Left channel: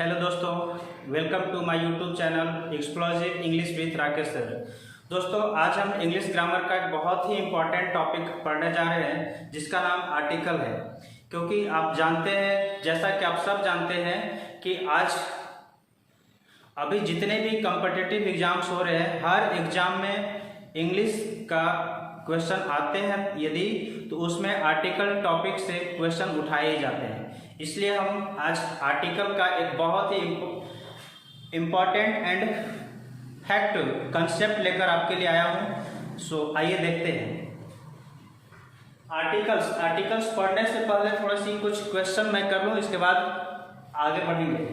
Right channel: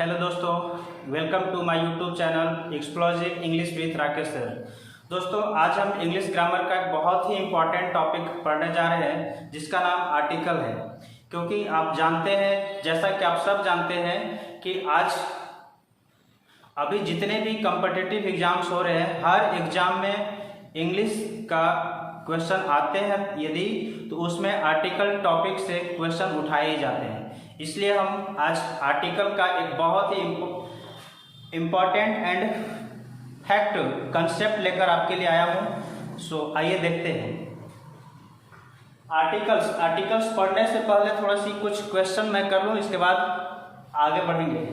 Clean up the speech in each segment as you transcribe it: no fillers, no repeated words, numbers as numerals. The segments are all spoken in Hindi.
हेलो दोस्तों, welcome to my YouTube channel explosive English with Rakesh sir. दोस्तों, आज हम इंग्लिश ग्रामर का एक बहुत ही इम्पॉर्टेंट टॉपिक पढ़ने जा रहे हैं जिसका नाम आर्टिकल है। क्योंकि आप जानते हैं, जैसा कि आप सब जानते हैं कि आज अभी जितने भी कॉम्पिटिटिव एग्जाम्स हो रहे हैं, हर एग्जाम में इंग्लिश का क्वेश्चन आते हैं यदि, तो उसमें आर्टिकल टॉपिक से क्वेश्चन उठाए जाते हैं। इसलिए हम आज आर्टिकल का एक बहुत ही इम्पॉर्टेंट एंड फैक्ट कंसेप्ट लेकर आपके लिए आया हूँ। सो आइए देखते हैं। आर्टिकल्स पढ़ने से पहले थोड़ी सी कुछ क्वेश्चन मैं कर लूँ, इसके बाद आगे बढ़ेंगे।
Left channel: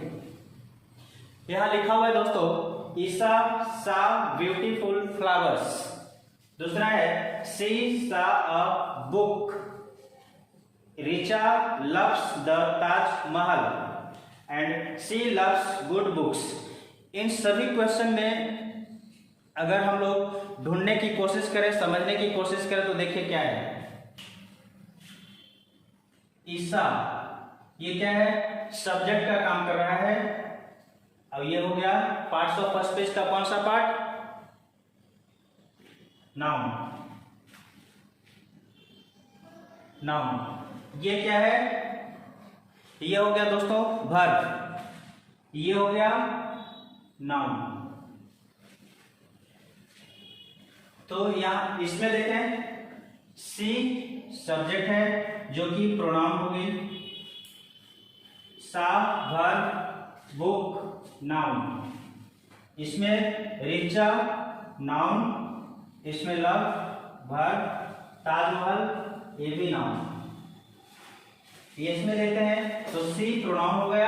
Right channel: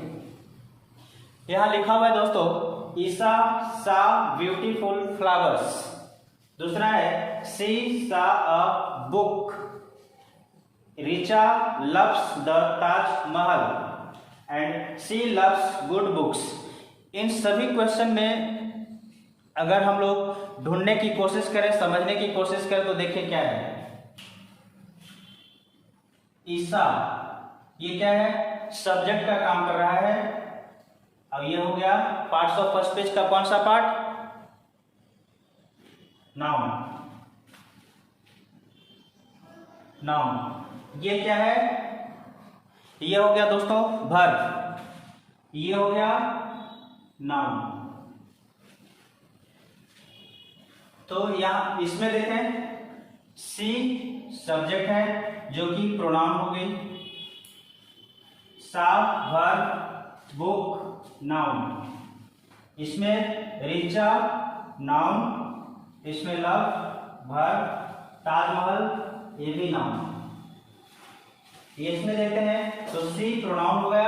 यहाँ लिखा हुआ है दोस्तों, ईसा सा ब्यूटीफुल फ्लावर्स। दूसरा है she saw a book. Richa loves the Taj Mahal and she loves good books. इन सभी क्वेश्चन में अगर हम लोग ढूंढने की कोशिश करें, समझने की कोशिश करें, तो देखिए क्या है। ईसा, ये क्या है? सब्जेक्ट का काम कर रहा है। अब ये हो गया पार्ट्स ऑफ फर्स्ट पेज का कौन सा पार्ट? नाउन। ये क्या है? ये हो गया दोस्तों वर्ब। ये हो गया नाउन। तो यहां इसमें देखें, सी सब्जेक्ट है जो कि प्रोनाउन हो गई, सा वर्ब, बुक नाउन। इसमें रिचा नाउन, इसमें लव वर्ब, ताजमहल ये भी नाउन। ये इसमें देखते हैं तो सी प्रोनाउन हो गया,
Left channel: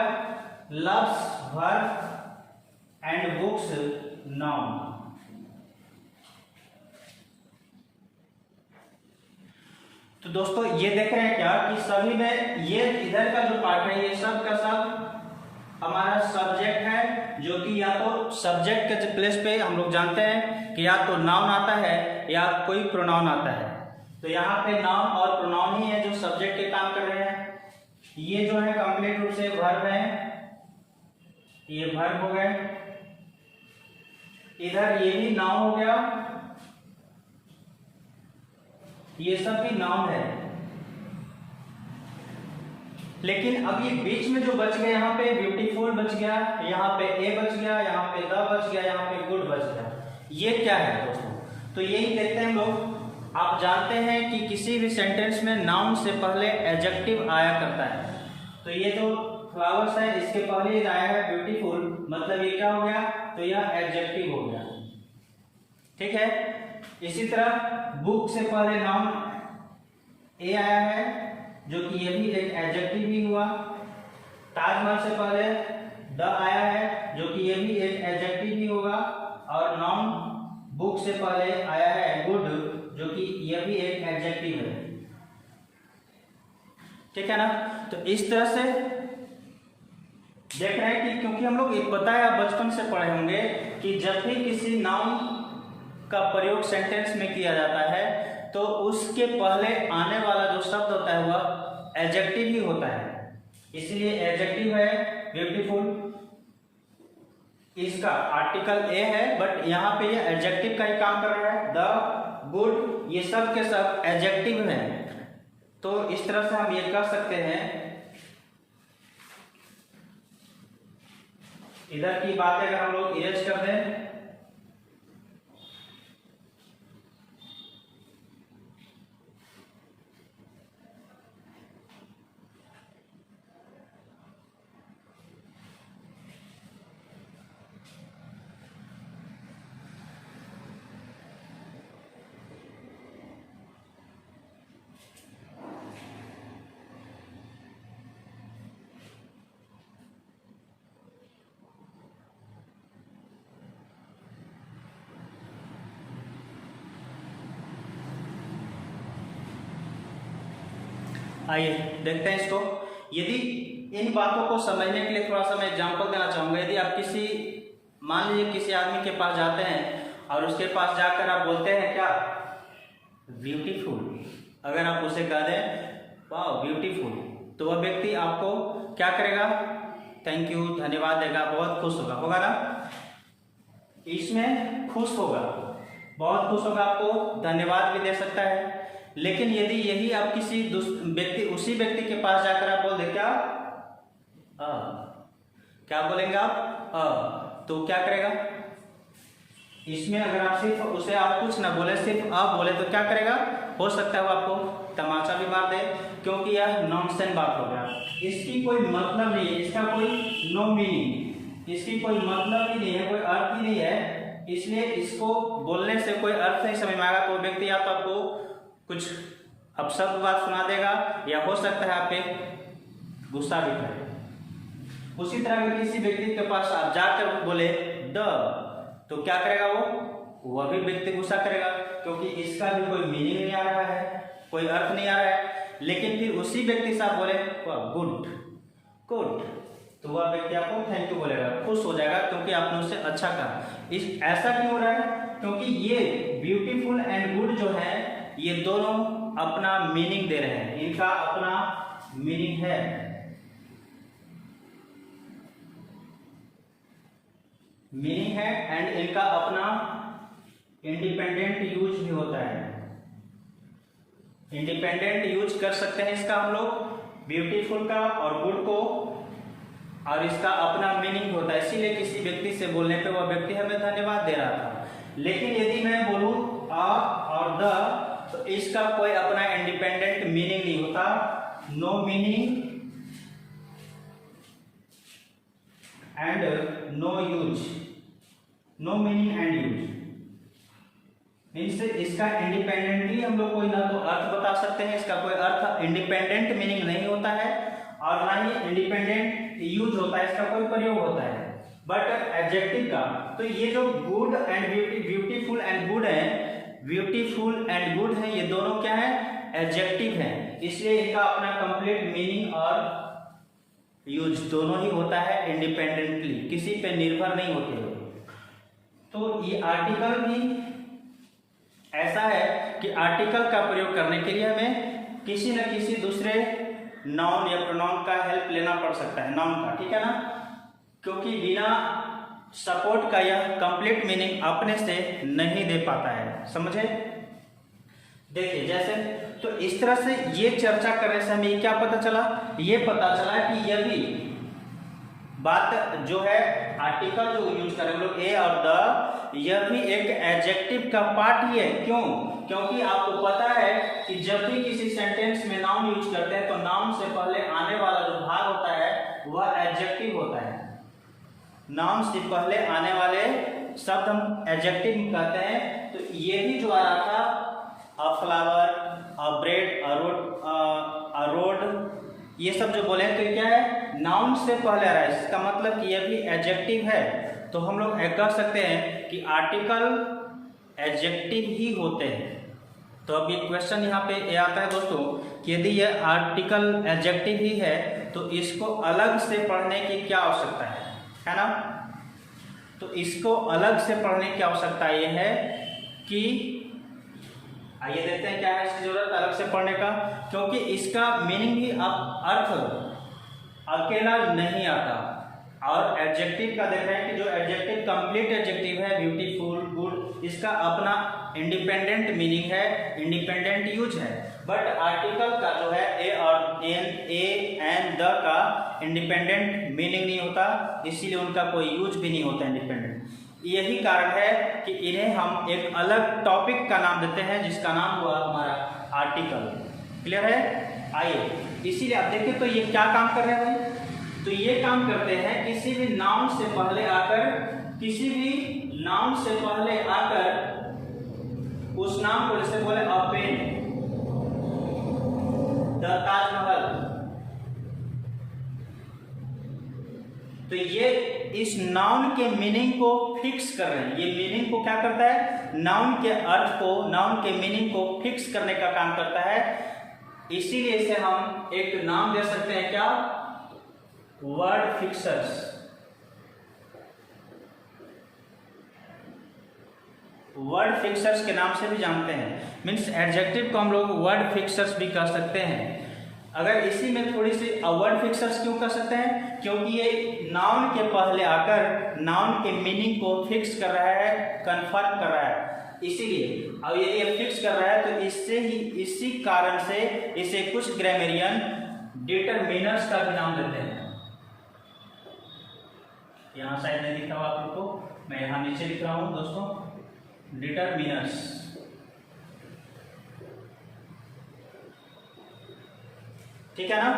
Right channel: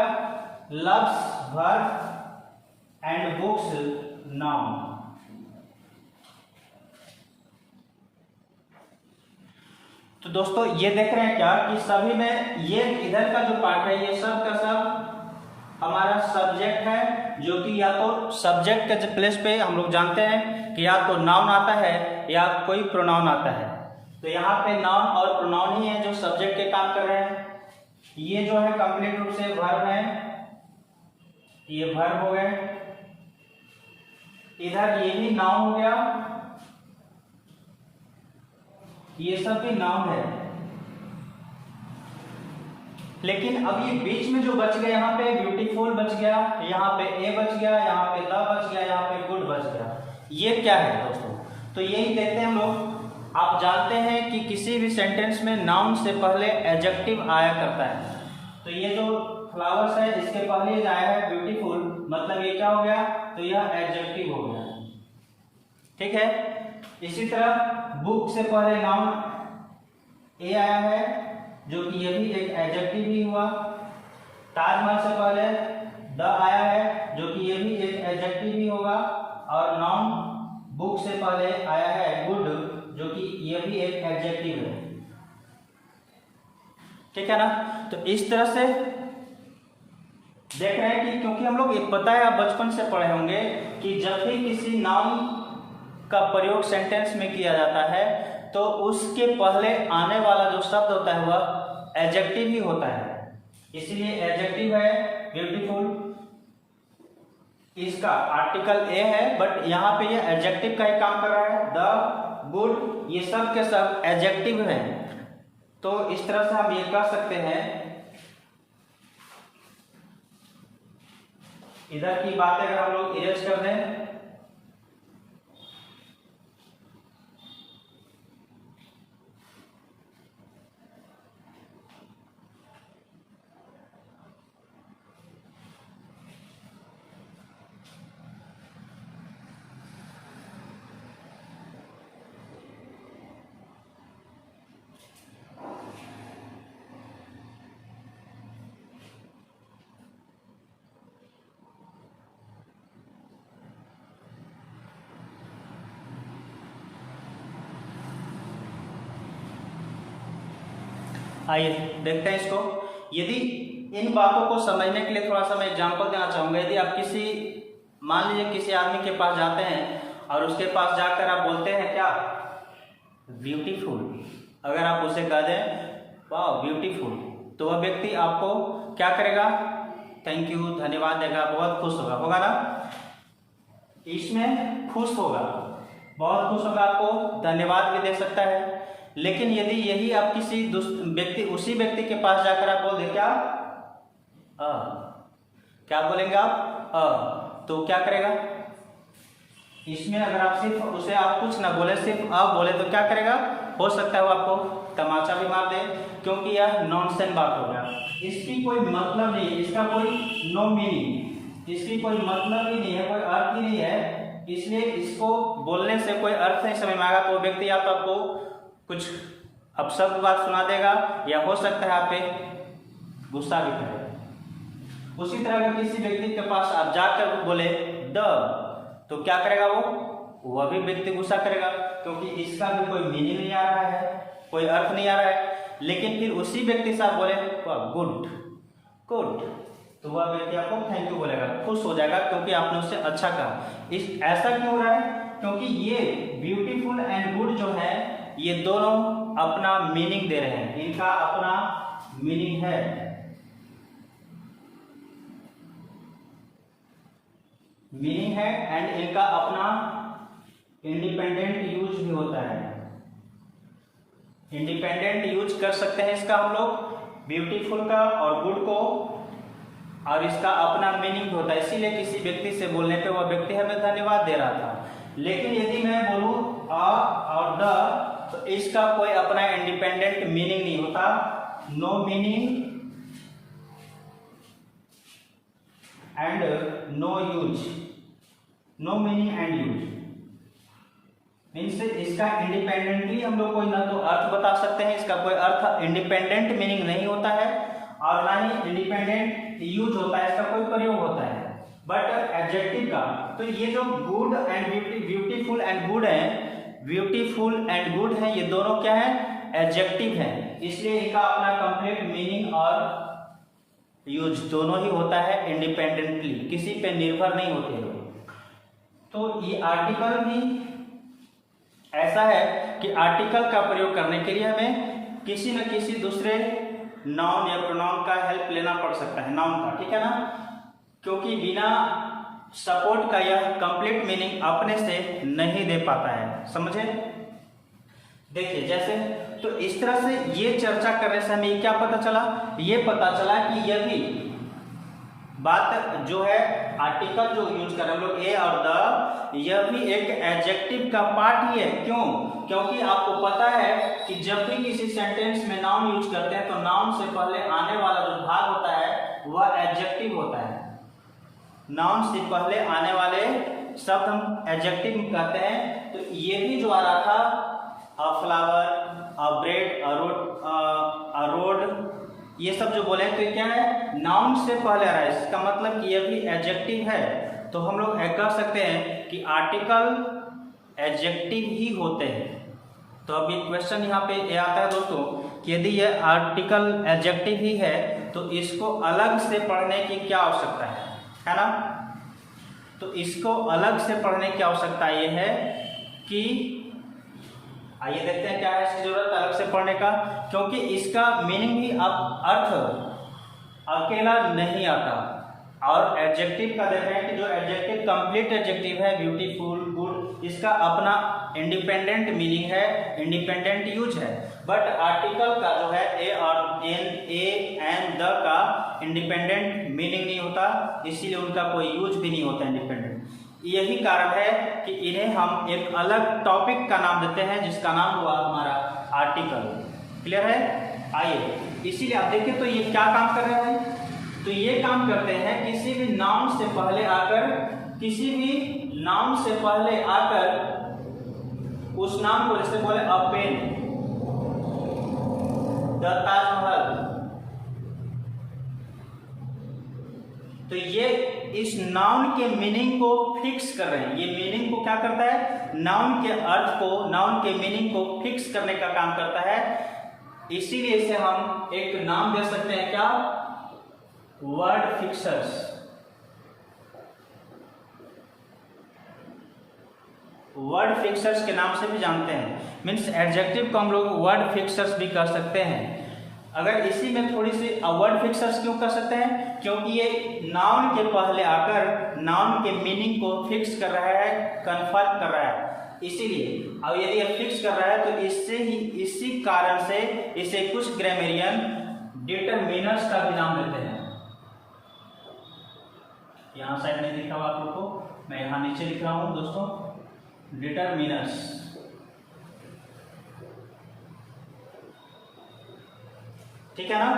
loves verb and books noun. तो दोस्तों, ये देख रहे हैं क्या कि सभी में ये इधर का जो पार्ट है, ये सब का सब हमारा सब्जेक्ट है, जो कि या तो सब्जेक्ट के प्लेस पे हम लोग जानते हैं कि या तो नाउन आता है या कोई प्रोनाउन आता है। तो यहाँ पे नाउन और प्रोनाउन ही है जो सब्जेक्ट के काम कर रहे हैं। ये जो है कंप्लीट रूप से वर्ब है, ये वर्ब हो गए। इधर ये भी नाउन हो गया, ये सब भी नाउन है। लेकिन अब ये बीच में जो बच गया, यहाँ पे ब्यूटीफुल बच गया, यहाँ पे ए बच गया, यहाँ पे द बच गया, यहाँ पे गुड बच गया। ये क्या है दोस्तों? तो यही देखते हैं हम लोग। आप जानते हैं कि किसी भी सेंटेंस में नाउन से पहले एडजेक्टिव आया करता है। तो ये जो फ्लावर्स है, इसके पहले आया है ब्यूटीफुल, मतलब ये क्या हो गया? तो यह एडजेक्टिव हो गया। ठीक है। इसी तरह बुक से पहले नाउन ए आया है, जो कि ये भी एक एडजेक्टिव ही हुआ। ताजमहल से पहले द आया है, जो कि ये भी एक एडजेक्टिव ही होगा। और नाउन बुक से पहले आया है गुड, जो कि ये भी एक एडजेक्टिव है। ठीक है ना? तो इस तरह से देख रहे हैं कि क्योंकि हम लोग एक पता है, आप बचपन से पढ़े होंगे कि जब भी किसी नाउन का प्रयोग सेंटेंस में किया जाता है तो उसके पहले आने वाला जो शब्द होता है वह एडजेक्टिव ही होता है। इसलिए एडजेक्टिव है ब्यूटीफुल, इसका आर्टिकल ए है, बट यहाँ पे ये एडजेक्टिव का ही काम कर रहा है। द, गुड, ये सब के सब एडजेक्टिव है। तो इस तरह से हम ये कह सकते हैं, इधर की बातें अगर हम लोग इरेज कर दें, आइए देखते हैं इसको। यदि इन बातों को समझने के लिए थोड़ा सा मैं एग्जांपल देना चाहूंगा। यदि आप मान लीजिए किसी आदमी के पास जाते हैं और उसके पास जाकर आप बोलते हैं क्या? ब्यूटीफुल। अगर आप उसे कह दें वाह ब्यूटीफुल, तो वह व्यक्ति आपको क्या करेगा? थैंक यू, धन्यवाद देगा, बहुत खुश होगा, होगा ना, इसमें खुश होगा, बहुत खुश होगा, आपको धन्यवाद भी दे सकता है। लेकिन यदि यही आप किसी व्यक्ति, उसी व्यक्ति के पास जाकर आप बोल दे क्या क्या बोलेंगे आप तो क्या करेगा? इसमें अगर आप सिर्फ उसे आप कुछ ना बोले, सिर्फ बोले तो क्या करेगा? हो सकता है वो आपको तमाचा भी मार दे, क्योंकि यह नॉनसेंस बात हो गया, इसकी कोई मतलब नहीं है, इसका कोई नो मीनिंग, इसकी कोई मतलब ही नहीं है, कोई अर्थ ही नहीं है, इसलिए इसको बोलने से कोई अर्थ नहीं समझ में आएगा। तो व्यक्ति या तो आपको कुछ अपशब्द बात सुना देगा, या हो सकता है आप पे गुस्सा भी करे। उसी तरह अगर किसी व्यक्ति के पास आप जाकर बोले ड, तो क्या करेगा वह भी व्यक्ति गुस्सा करेगा, क्योंकि इसका भी कोई मीनिंग नहीं आ रहा है, कोई अर्थ नहीं आ रहा है। लेकिन फिर उसी व्यक्ति से आप बोले गुड गुड, तो वह व्यक्ति आपको थैंक यू बोलेगा, खुश हो जाएगा, क्योंकि आपने उससे अच्छा कहा। ऐसा क्यों हो रहा है? क्योंकि ये ब्यूटीफुल एंड गुड जो है, ये दोनों अपना मीनिंग दे रहे हैं, इनका अपना मीनिंग है। मीनिंग है एंड इनका अपना इंडिपेंडेंट यूज भी होता है। इंडिपेंडेंट यूज कर सकते हैं इसका हम लोग, ब्यूटीफुल का और गुड को, और इसका अपना मीनिंग होता है। इसीलिए किसी व्यक्ति से बोलने पे वह व्यक्ति हमें धन्यवाद दे रहा था। लेकिन यदि मैं बोलूं आ और द, तो इसका कोई अपना इंडिपेंडेंट मीनिंग नहीं होता, no meaning and no use, no meaning and use means इसका इंडिपेंडेंटली हम लोग कोई ना तो अर्थ बता सकते हैं, इसका कोई अर्थ इंडिपेंडेंट मीनिंग नहीं होता है, और ना ही इंडिपेंडेंट यूज होता है, इसका कोई प्रयोग होता है। बट एडजेक्टिव का, तो ये जो good and beautiful and good है, ब्यूटीफुल एंड गुड है, ये दोनों क्या है? एडजेक्टिव है, इसलिए इनका अपना कंप्लीट मीनिंग और यूज दोनों ही होता है इंडिपेंडेंटली, किसी पे निर्भर नहीं होते। तो ये आर्टिकल भी ऐसा है कि आर्टिकल का प्रयोग करने के लिए हमें किसी न किसी दूसरे नाउन या प्रोनाउन का हेल्प लेना पड़ सकता है, नाउन का, ठीक है ना, क्योंकि बिना सपोर्ट का यह कंप्लीट मीनिंग अपने से नहीं दे पाता है, समझे? देखिए जैसे, तो इस तरह से ये चर्चा करने से हमें क्या पता चला? ये पता चला कि यह भी बात जो है आर्टिकल जो यूज कर रहे हैं हम लोग ए और द, यह भी एक एडजेक्टिव का पार्ट ही है। क्यों? क्योंकि आपको पता है कि जब भी किसी सेंटेंस में नाउन यूज करते हैं तो नाउन से पहले आने वाला जो भाग होता है वह एडजेक्टिव होता है। नाउन से पहले आने वाले शब्द हम एडजेक्टिव कहते हैं। तो ये भी जो आ रहा था, अ फ्लावर, अ ब्रेड, अ रोड, ये सब जो बोले तो क्या है? नाउन से पहले आ रहा है, इसका मतलब कि यह भी एडजेक्टिव है। तो हम लोग कह सकते हैं कि आर्टिकल एडजेक्टिव ही होते हैं। तो अभी क्वेश्चन यहाँ पे ये आता है दोस्तों कि यदि यह आर्टिकल एडजेक्टिव ही है तो इसको अलग से पढ़ने की क्या आवश्यकता है ना? तो इसको अलग से पढ़ने की आवश्यकता ये है कि आइए देखते हैं क्या है इसकी जरूरत अलग से पढ़ने का, क्योंकि इसका मीनिंग ही अर्थ अकेला नहीं आता। और एडजेक्टिव का देख रहे हैं कि जो एडजेक्टिव कंप्लीट एडजेक्टिव है, ब्यूटीफुल, गुड, इसका अपना इंडिपेंडेंट मीनिंग है, इंडिपेंडेंट यूज है। बट आर्टिकल का जो है ए और एन द का इंडिपेंडेंट मीनिंग नहीं होता, इसीलिए उनका कोई यूज भी नहीं होता इंडिपेंडेंट। यही कारण है कि इन्हें हम एक अलग टॉपिक का नाम देते हैं, जिसका नाम हुआ हमारा आर्टिकल। क्लियर है? आइए इसीलिए आप देखिए तो ये क्या काम कर रहे हैं? तो ये काम करते हैं किसी भी नाउन से पहले आकर, किसी भी नाउन से पहले आकर उस नाम को, जैसे बोले अ पेन, द ताजमहल, तो ये इस नाउन के मीनिंग को फिक्स कर रहे हैं। ये मीनिंग को क्या करता है? नाउन के अर्थ को, नाउन के मीनिंग को फिक्स करने का काम करता है। इसीलिए इसे हम एक नाम दे सकते हैं, क्या? Word fixers. वर्ड फिक्सर्स के नाम से भी जानते हैं, मीन्स एडजेक्टिव को हम लोग वर्ड फिक्सर्स भी कह सकते हैं। अगर इसी में थोड़ी सी वर्ड फिक्सर्स क्यों कर सकते हैं, क्योंकि ये नाउन के पहले आकर नाउन के मीनिंग को फिक्स कर रहा है, कंफर्म कर रहा है, इसीलिए। अब यदि ये फिक्स कर रहा है तो इसी कारण से इसे कुछ ग्रामेरियन डिटरमिनर्स का भी नाम देते हैं। यहाँ साइड में लिखा हुआ आप लोग को, मैं यहाँ नीचे लिख रहा हूँ दोस्तों, डिटरमिनर्स। ठीक है ना,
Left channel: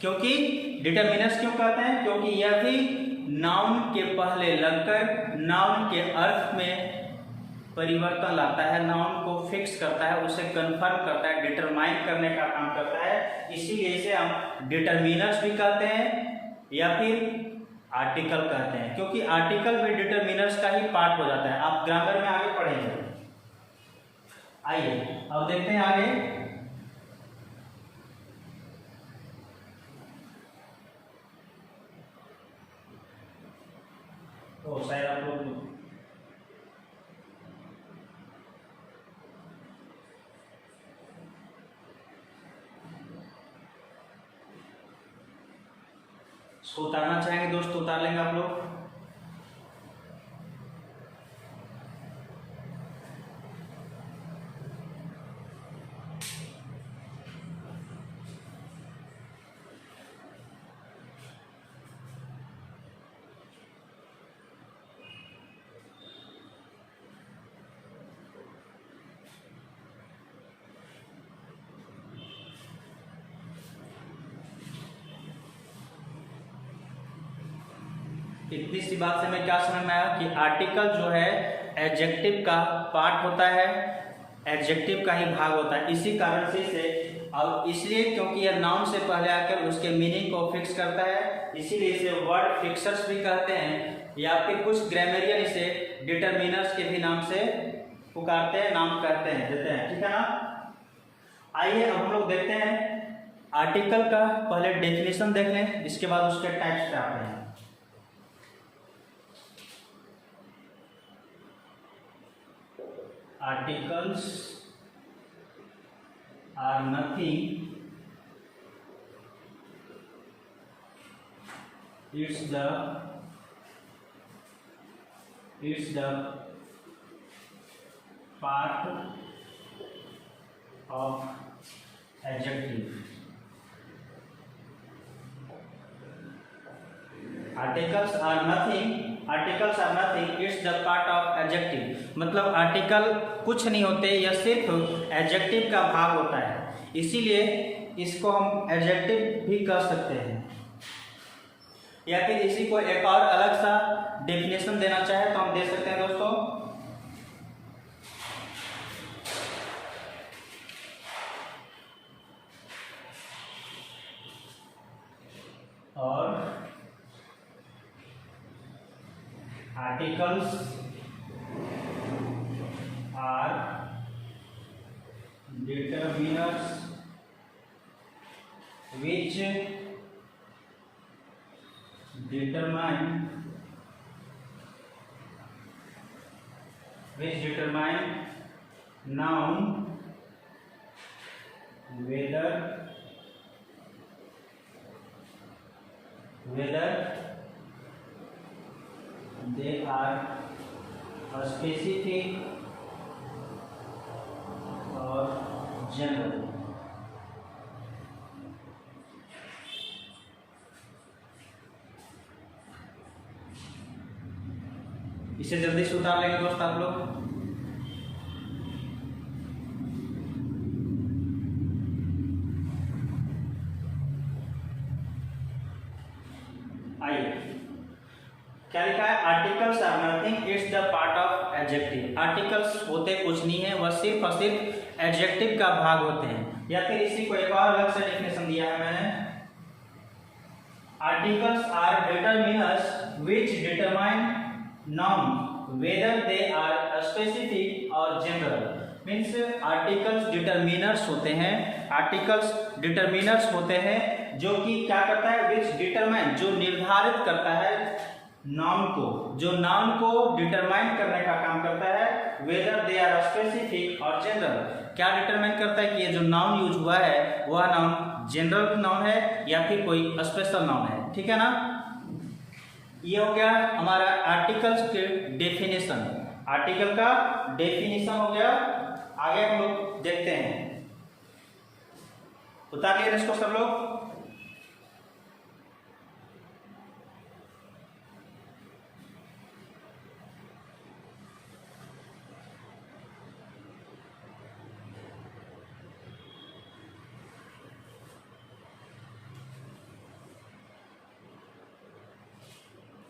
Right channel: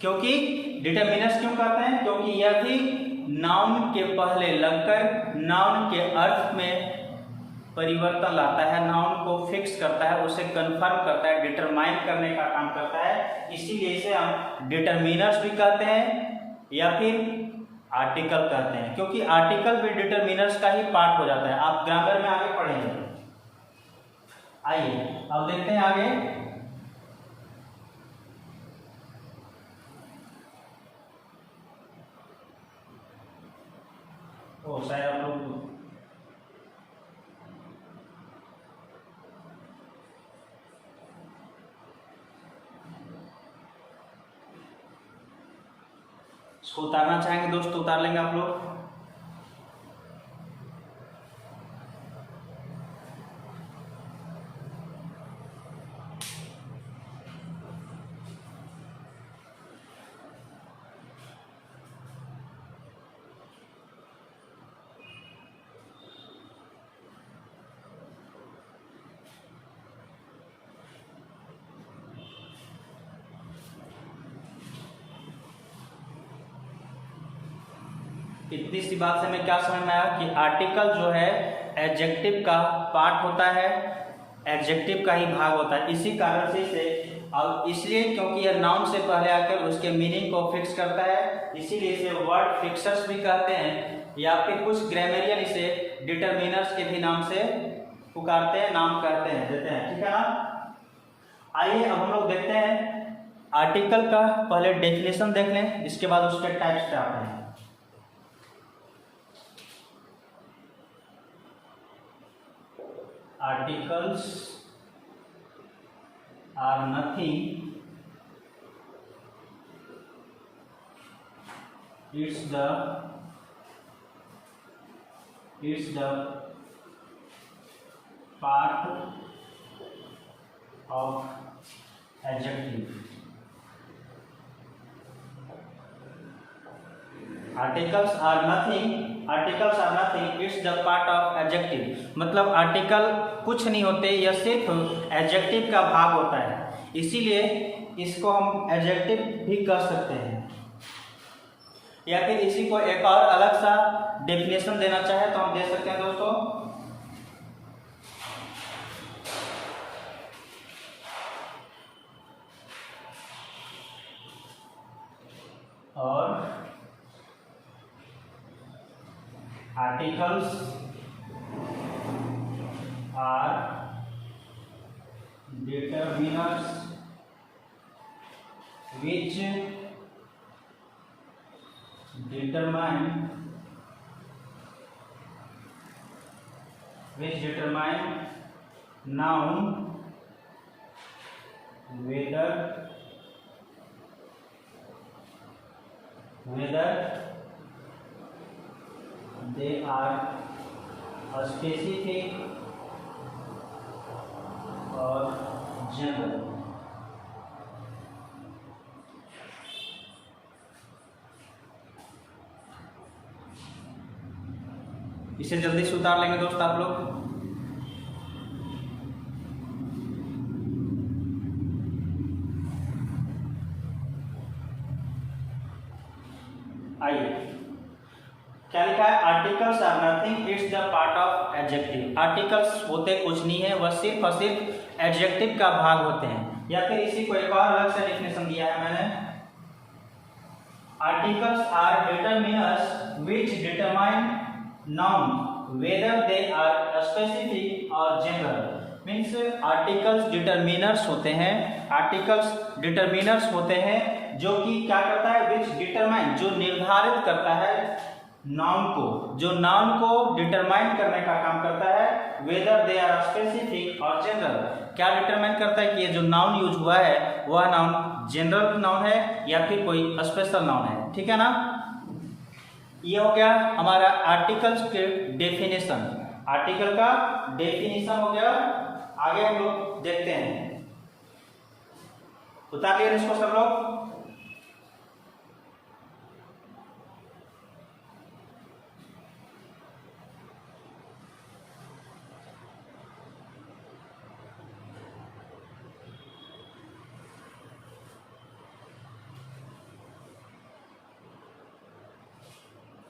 क्योंकि डिटरमिनर्स क्यों कहते हैं, क्योंकि यह भी नाउन के पहले लगकर नाउन के अर्थ में परिवर्तन लाता है, नाउन को फिक्स करता है, उसे कंफर्म करता है, डिटरमाइन करने का काम करता है, इसीलिए इसे हम डिटरमिनर्स भी कहते हैं या फिर आर्टिकल कहते हैं, क्योंकि आर्टिकल भी डिटरमिनर्स का ही पार्ट हो जाता है। आप ग्रामर में आगे पढ़ेंगे। आइए अब देखते हैं आगे। शायद आप लोग इसको उतारना चाहेंगे दोस्तों, उतार लेंगे आप लोग। इतनी सी बात से मैं क्या समझ में आया कि आर्टिकल जो है एडजेक्टिव का पार्ट होता है, एडजेक्टिव का ही भाग होता है, इसी कारण से इसे, और इसलिए क्योंकि यह नाउन से पहले आकर उसके मीनिंग को फिक्स करता है, इसीलिए इसे वर्ड फिक्सर्स भी कहते हैं, या फिर कुछ ग्रामेरियन इसे डिटरमिनर्स के भी नाम से पुकारते हैं, नाम कहते हैं, देते हैं। ठीक है ना। आइए अब हम लोग देखते हैं आर्टिकल का पहले डेफिनेशन देख लें, इसके बाद उसके टाइप्स पे आते हैं। Articles are nothing, it's the part of adjective. Articles are nothing, it's the part of adjective। मतलब आर्टिकल कुछ नहीं होते, यह सिर्फ एडजेक्टिव का भाग होता है, इसीलिए इसको हम एडजेक्टिव भी कह सकते हैं। या फिर इसी को एक और अलग सा डेफिनेशन देना चाहे तो हम दे सकते हैं दोस्तों। और articles are determiners which determine noun whether they are specific or general। इसे जल्दी से उतार लेंगे दोस्त आप लोग। आइए क्या लिखा है, articles are nothing, it's the part of adjective. Articles होते कुछ नहीं है, वह सिर्फ और सिर्फ एडजेक्टिव का भाग होते हैं। या फिर इसी को एक और अलग से डेफिनेशन दिया है मैंने, articles are determiners which determine noun whether they are specific और जनरल। मीन्स आर्टिकल्स डिटरमिनर्स होते हैं, आर्टिकल्स डिटरमिनर्स होते हैं जो कि क्या करता है, विच डिटरमाइन, जो निर्धारित करता है नाउन को, जो नाउन को डिटरमाइन करने का काम करता है, वेदर दे आर स्पेसिफिक और जनरल। क्या डिटरमाइन करता है कि ये जो नाउन यूज हुआ है वह नाउन जनरल नाउन है या फिर कोई स्पेशल नाउन है, ठीक है ना। ये हो गया हमारा आर्टिकल्स के डेफिनेशन, आर्टिकल का डेफिनेशन हो गया। आगे हम लोग देखते हैं, उतार लिए इसको सब लोग।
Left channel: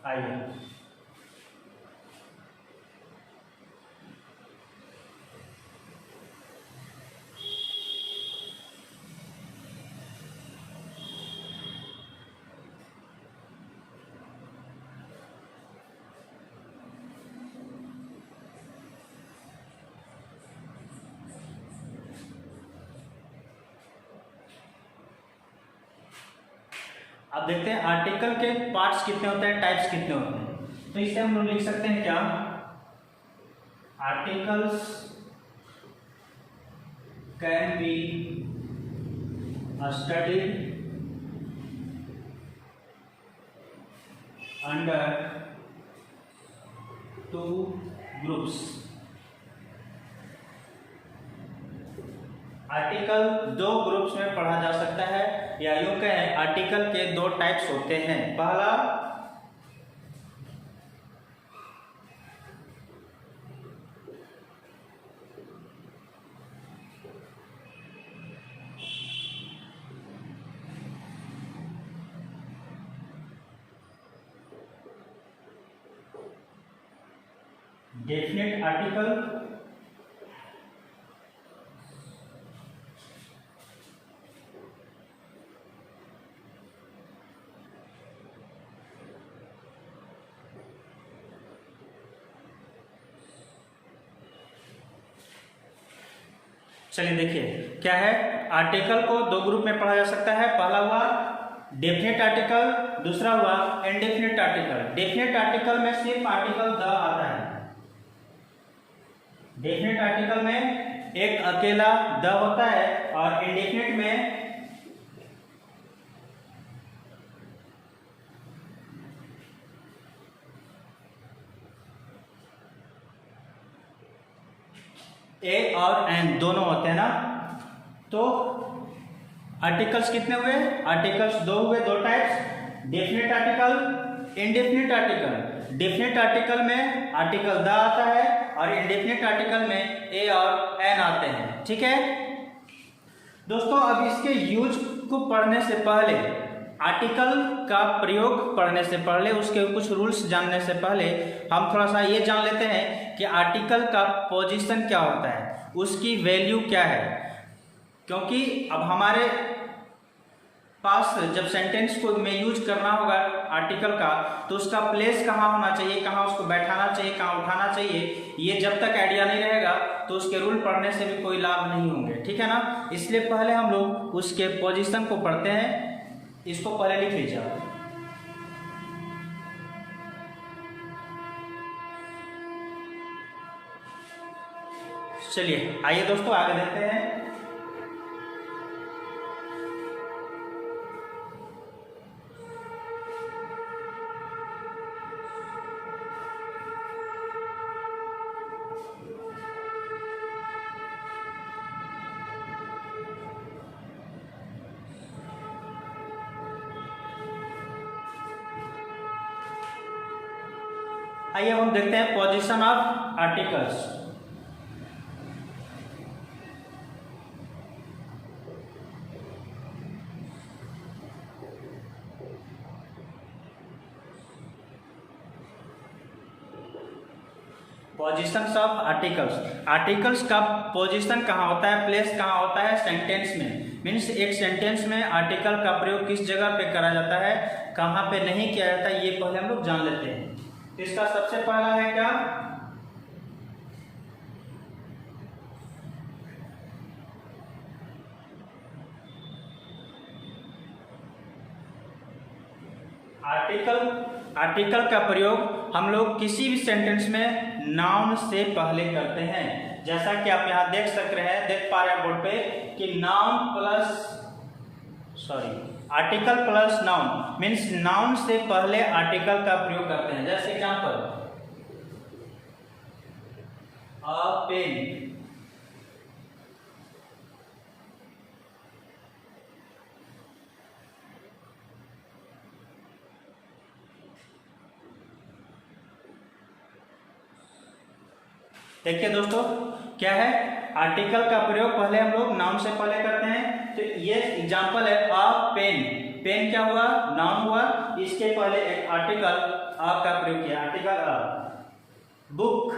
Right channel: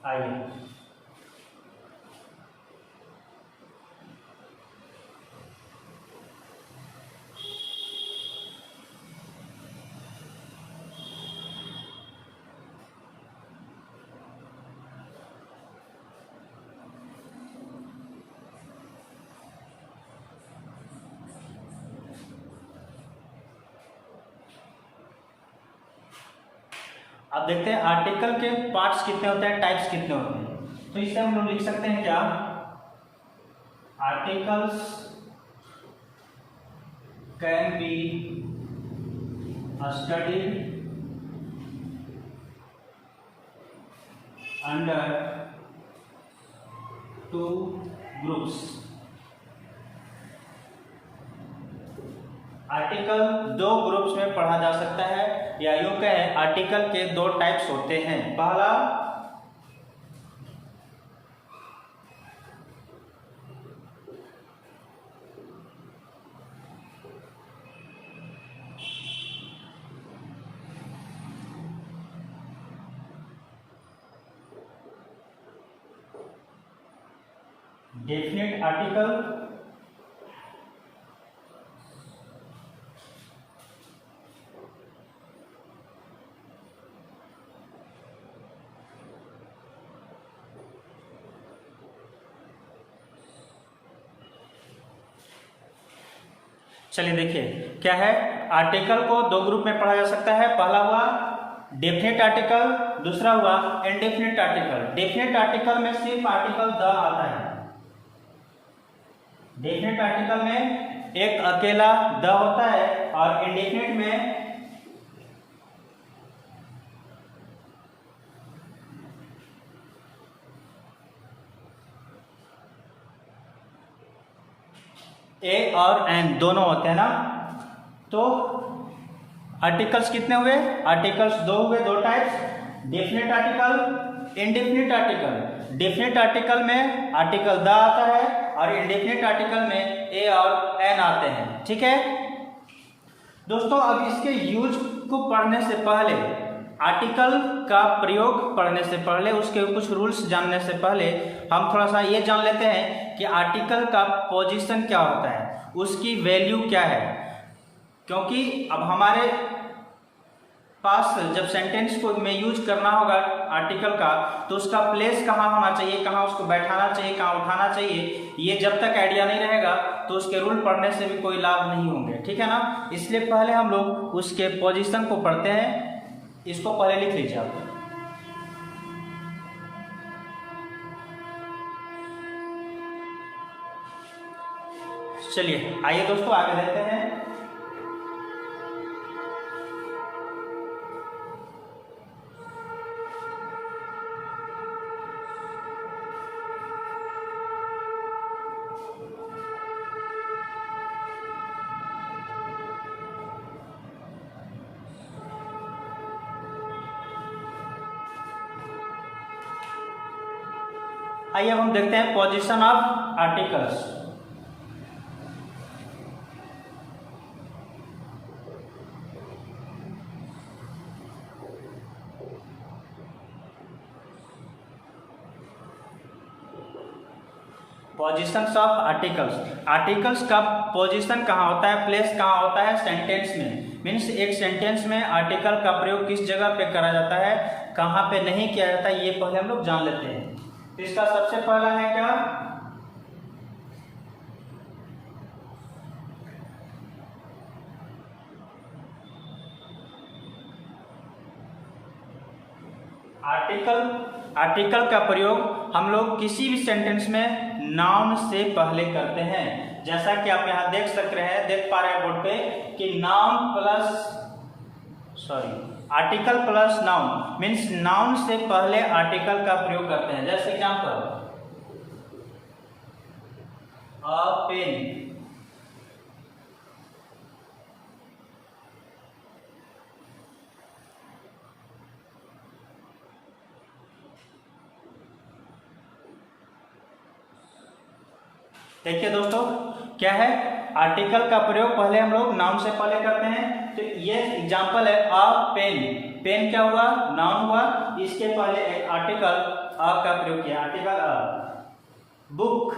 आइए अब देखते हैं आर्टिकल के पार्ट्स कितने होते हैं, टाइप्स कितने होते हैं। तो इससे हम लोग लिख सकते हैं क्या, articles can be studied under 2 groups. Article 2 groups में पढ़ा जा सकता है, या यूं कहें आर्टिकल के 2 टाइप्स होते हैं। पहला डेफिनेट आर्टिकल, चलिए देखिए क्या है। आर्टिकल को 2 ग्रुप में पढ़ा जा सकता है। पहला हुआ डेफिनेट आर्टिकल, दूसरा हुआ इनडेफिनेट आर्टिकल। डेफिनेट आर्टिकल में सिर्फ आर्टिकल द आता है। डेफिनेट आर्टिकल में एक अकेला द होता है, और इनडेफिनेट में ए और एन दोनों होते हैं ना। तो आर्टिकल्स कितने हुए, आर्टिकल्स 2 हुए, 2 types, definite article, indefinite article. Definite article में आर्टिकल द आता है, और इनडेफिनेट आर्टिकल में ए और एन आते हैं, ठीक है दोस्तों। अब इसके यूज को पढ़ने से पहले, आर्टिकल का प्रयोग पढ़ने से पहले, उसके कुछ रूल्स जानने से पहले हम थोड़ा सा ये जान लेते हैं कि आर्टिकल का पोजीशन क्या होता है, उसकी वैल्यू क्या है। क्योंकि अब हमारे पास जब सेंटेंस को में यूज करना होगा आर्टिकल का, तो उसका प्लेस कहाँ होना चाहिए, कहाँ उसको बैठाना चाहिए, कहाँ उठाना चाहिए, ये जब तक आइडिया नहीं रहेगा तो उसके रूल पढ़ने से भी कोई लाभ नहीं होंगे, ठीक है ना। इसलिए पहले हम लोग उसके पोजीशन को पढ़ते हैं। इसको पहले लिख लीजिए आप। चलिए आइए दोस्तों आगे देखते हैं। आइए हम देखते हैं position of articles. Positions of articles. Articles का पोजीशन कहाँ होता है, प्लेस कहाँ होता है सेंटेंस में। मीन्स एक सेंटेंस में आर्टिकल का प्रयोग किस जगह पे करा जाता है, कहाँ पे नहीं किया जाता है, ये पहले हम लोग जान लेते हैं। तो इसका सबसे पहला है क्या, आर्टिकल का प्रयोग हम लोग किसी भी सेंटेंस में नाउन से पहले करते हैं। जैसा कि आप यहाँ देख पा रहे हैं बोर्ड पे कि article plus noun means noun से पहले आर्टिकल का प्रयोग करते हैं। जैसे एग्जाम्पल, अ पेन, देखिए दोस्तों क्या है, आर्टिकल का प्रयोग पहले हम लोग नाउन से पहले करते हैं। तो ये एग्जांपल है अ पेन, पेन क्या हुआ, नाउन हुआ, इसके पहले एक आर्टिकल अ का प्रयोग किया, आर्टिकल अ। बुक,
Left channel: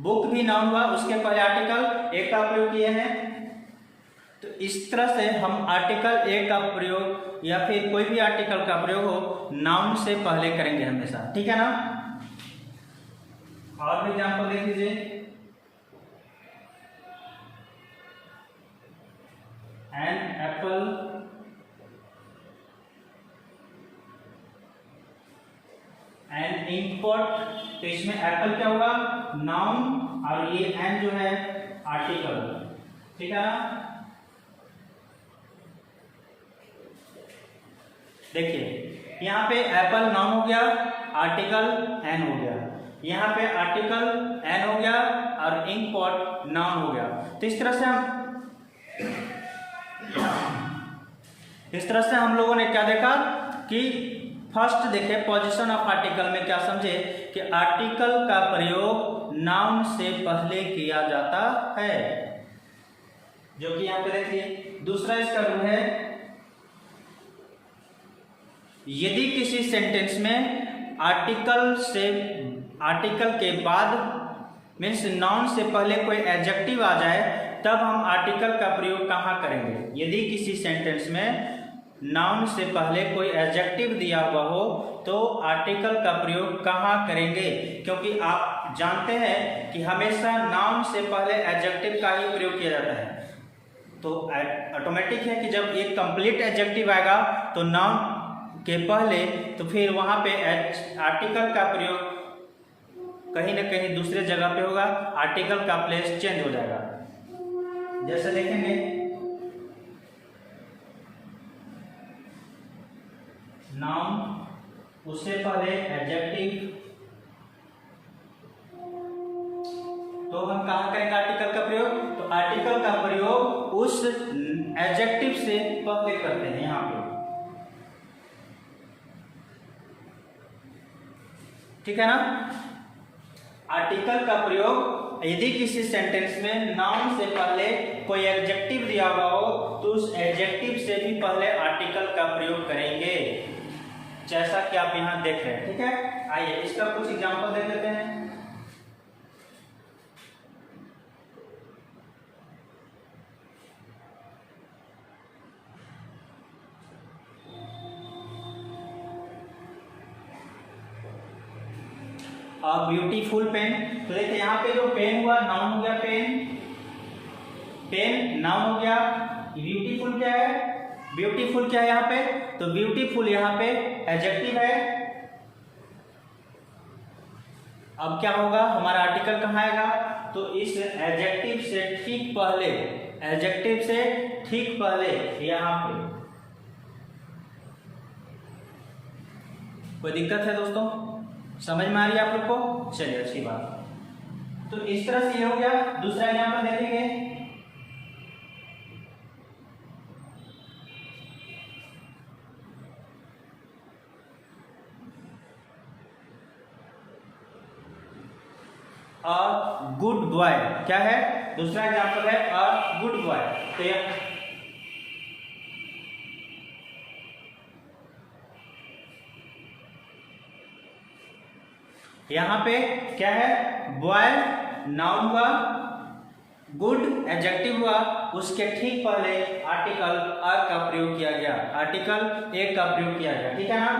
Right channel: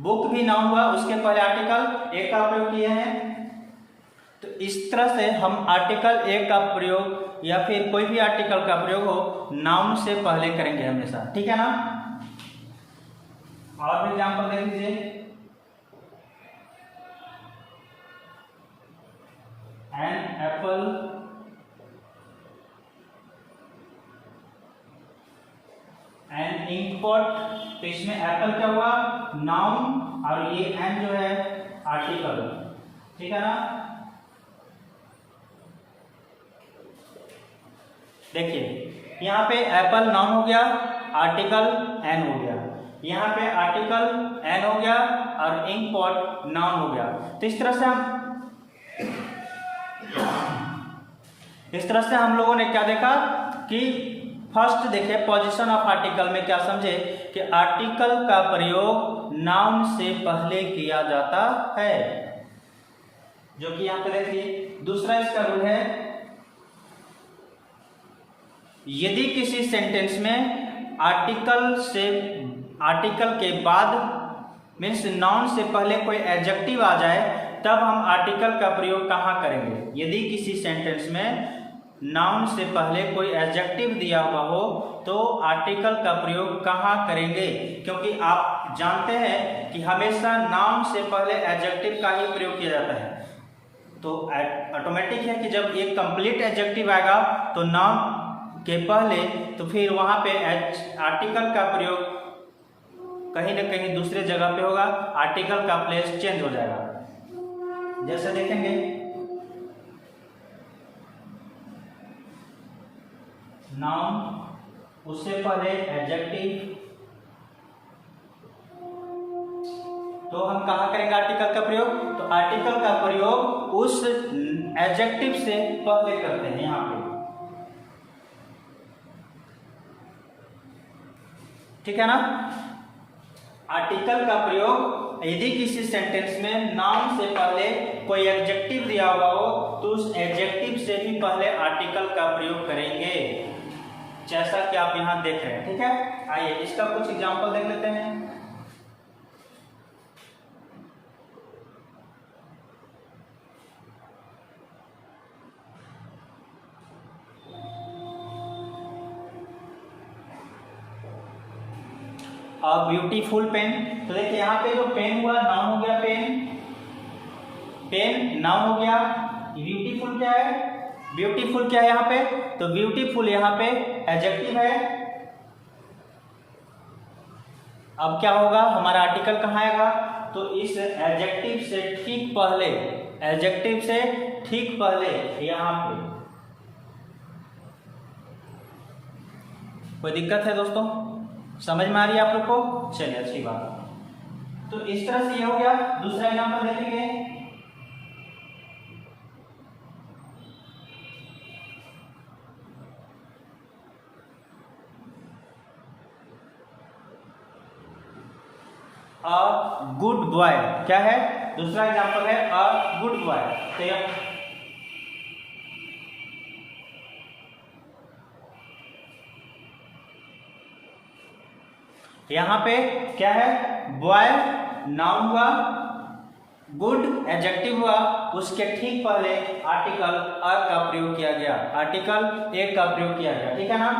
बुक भी नाउन हुआ, उसके पहले आर्टिकल ए का प्रयोग किए हैं। तो इस तरह से हम आर्टिकल ए का प्रयोग या फिर कोई भी आर्टिकल का प्रयोग हो नाउन से पहले करेंगे हमेशा, ठीक है ना। और भी एग्जांपल देख लीजिए, an apple, an ink pot. तो इसमें एप्पल क्या हुआ, नाउन, और ये एन जो है आर्टिकल, ठीक है ना। देखिए यहाँ पे एप्पल नाउन हो गया, आर्टिकल एन हो गया, यहाँ पे आर्टिकल एन हो गया और इंक पॉट नाउन हो गया। तो इस तरह से हम लोगों ने क्या देखा कि फर्स्ट देखे पोजीशन ऑफ आर्टिकल में क्या समझे कि आर्टिकल का प्रयोग नाउन से पहले किया जाता है, जो कि यहाँ पे देखिए। दूसरा इसका रूल है, यदि किसी सेंटेंस में आर्टिकल के बाद मीन्स नाउन से पहले कोई एडजेक्टिव आ जाए तब हम आर्टिकल का प्रयोग कहाँ करेंगे। यदि किसी सेंटेंस में नाउन से पहले कोई एडजेक्टिव दिया हुआ हो तो आर्टिकल का प्रयोग कहाँ करेंगे, क्योंकि आप जानते हैं कि हमेशा नाउन से पहले एडजेक्टिव का ही प्रयोग किया जाता है। तो ऑटोमेटिक है कि जब एक कंप्लीट एडजेक्टिव आएगा तो नाउन के पहले, तो फिर वहाँ पे आर्टिकल का प्रयोग कहीं ना कहीं दूसरे जगह पे होगा, आर्टिकल का प्लेस चेंज हो जाएगा। जैसे देखेंगे नाउन, उससे पहले एडजेक्टिव, तो हम कहाँ करेंगे आर्टिकल का प्रयोग, तो आर्टिकल का प्रयोग उस एडजेक्टिव से पहले करते हैं यहाँ पे, ठीक है ना। आर्टिकल का प्रयोग यदि किसी सेंटेंस में नाउन से पहले कोई एडजेक्टिव दिया हुआ हो तो उस एडजेक्टिव से भी पहले आर्टिकल का प्रयोग करेंगे, जैसा कि आप यहां देख रहे हैं, ठीक है। आइए इसका कुछ एग्जांपल देख लेते हैं। ब्यूटीफुल पेन, तो देखिए यहाँ पे जो पेन हुआ नाउन हो गया, पेन नाउन हो गया। ब्यूटीफुल क्या है, ब्यूटीफुल क्या है यहाँ पे, तो ब्यूटीफुल यहाँ पे एडजेक्टिव है। अब क्या होगा, हमारा आर्टिकल कहाँ आएगा, तो इस एडजेक्टिव से ठीक पहले, एडजेक्टिव से ठीक पहले यहाँ पे। कोई दिक्कत है दोस्तों, समझ में आ रही है आप लोग को, चलिए अच्छी बात। तो इस तरह से ये हो गया। दूसरा एग्जाम्पल देखेंगे, अ गुड बॉय क्या है, दूसरा एग्जाम्पल है अ गुड बॉय। तो यहाँ पे क्या है, बॉय नाउन हुआ, गुड एडजेक्टिव हुआ, उसके ठीक पहले आर्टिकल अ का प्रयोग किया गया, आर्टिकल ए का प्रयोग किया गया, ठीक है ना।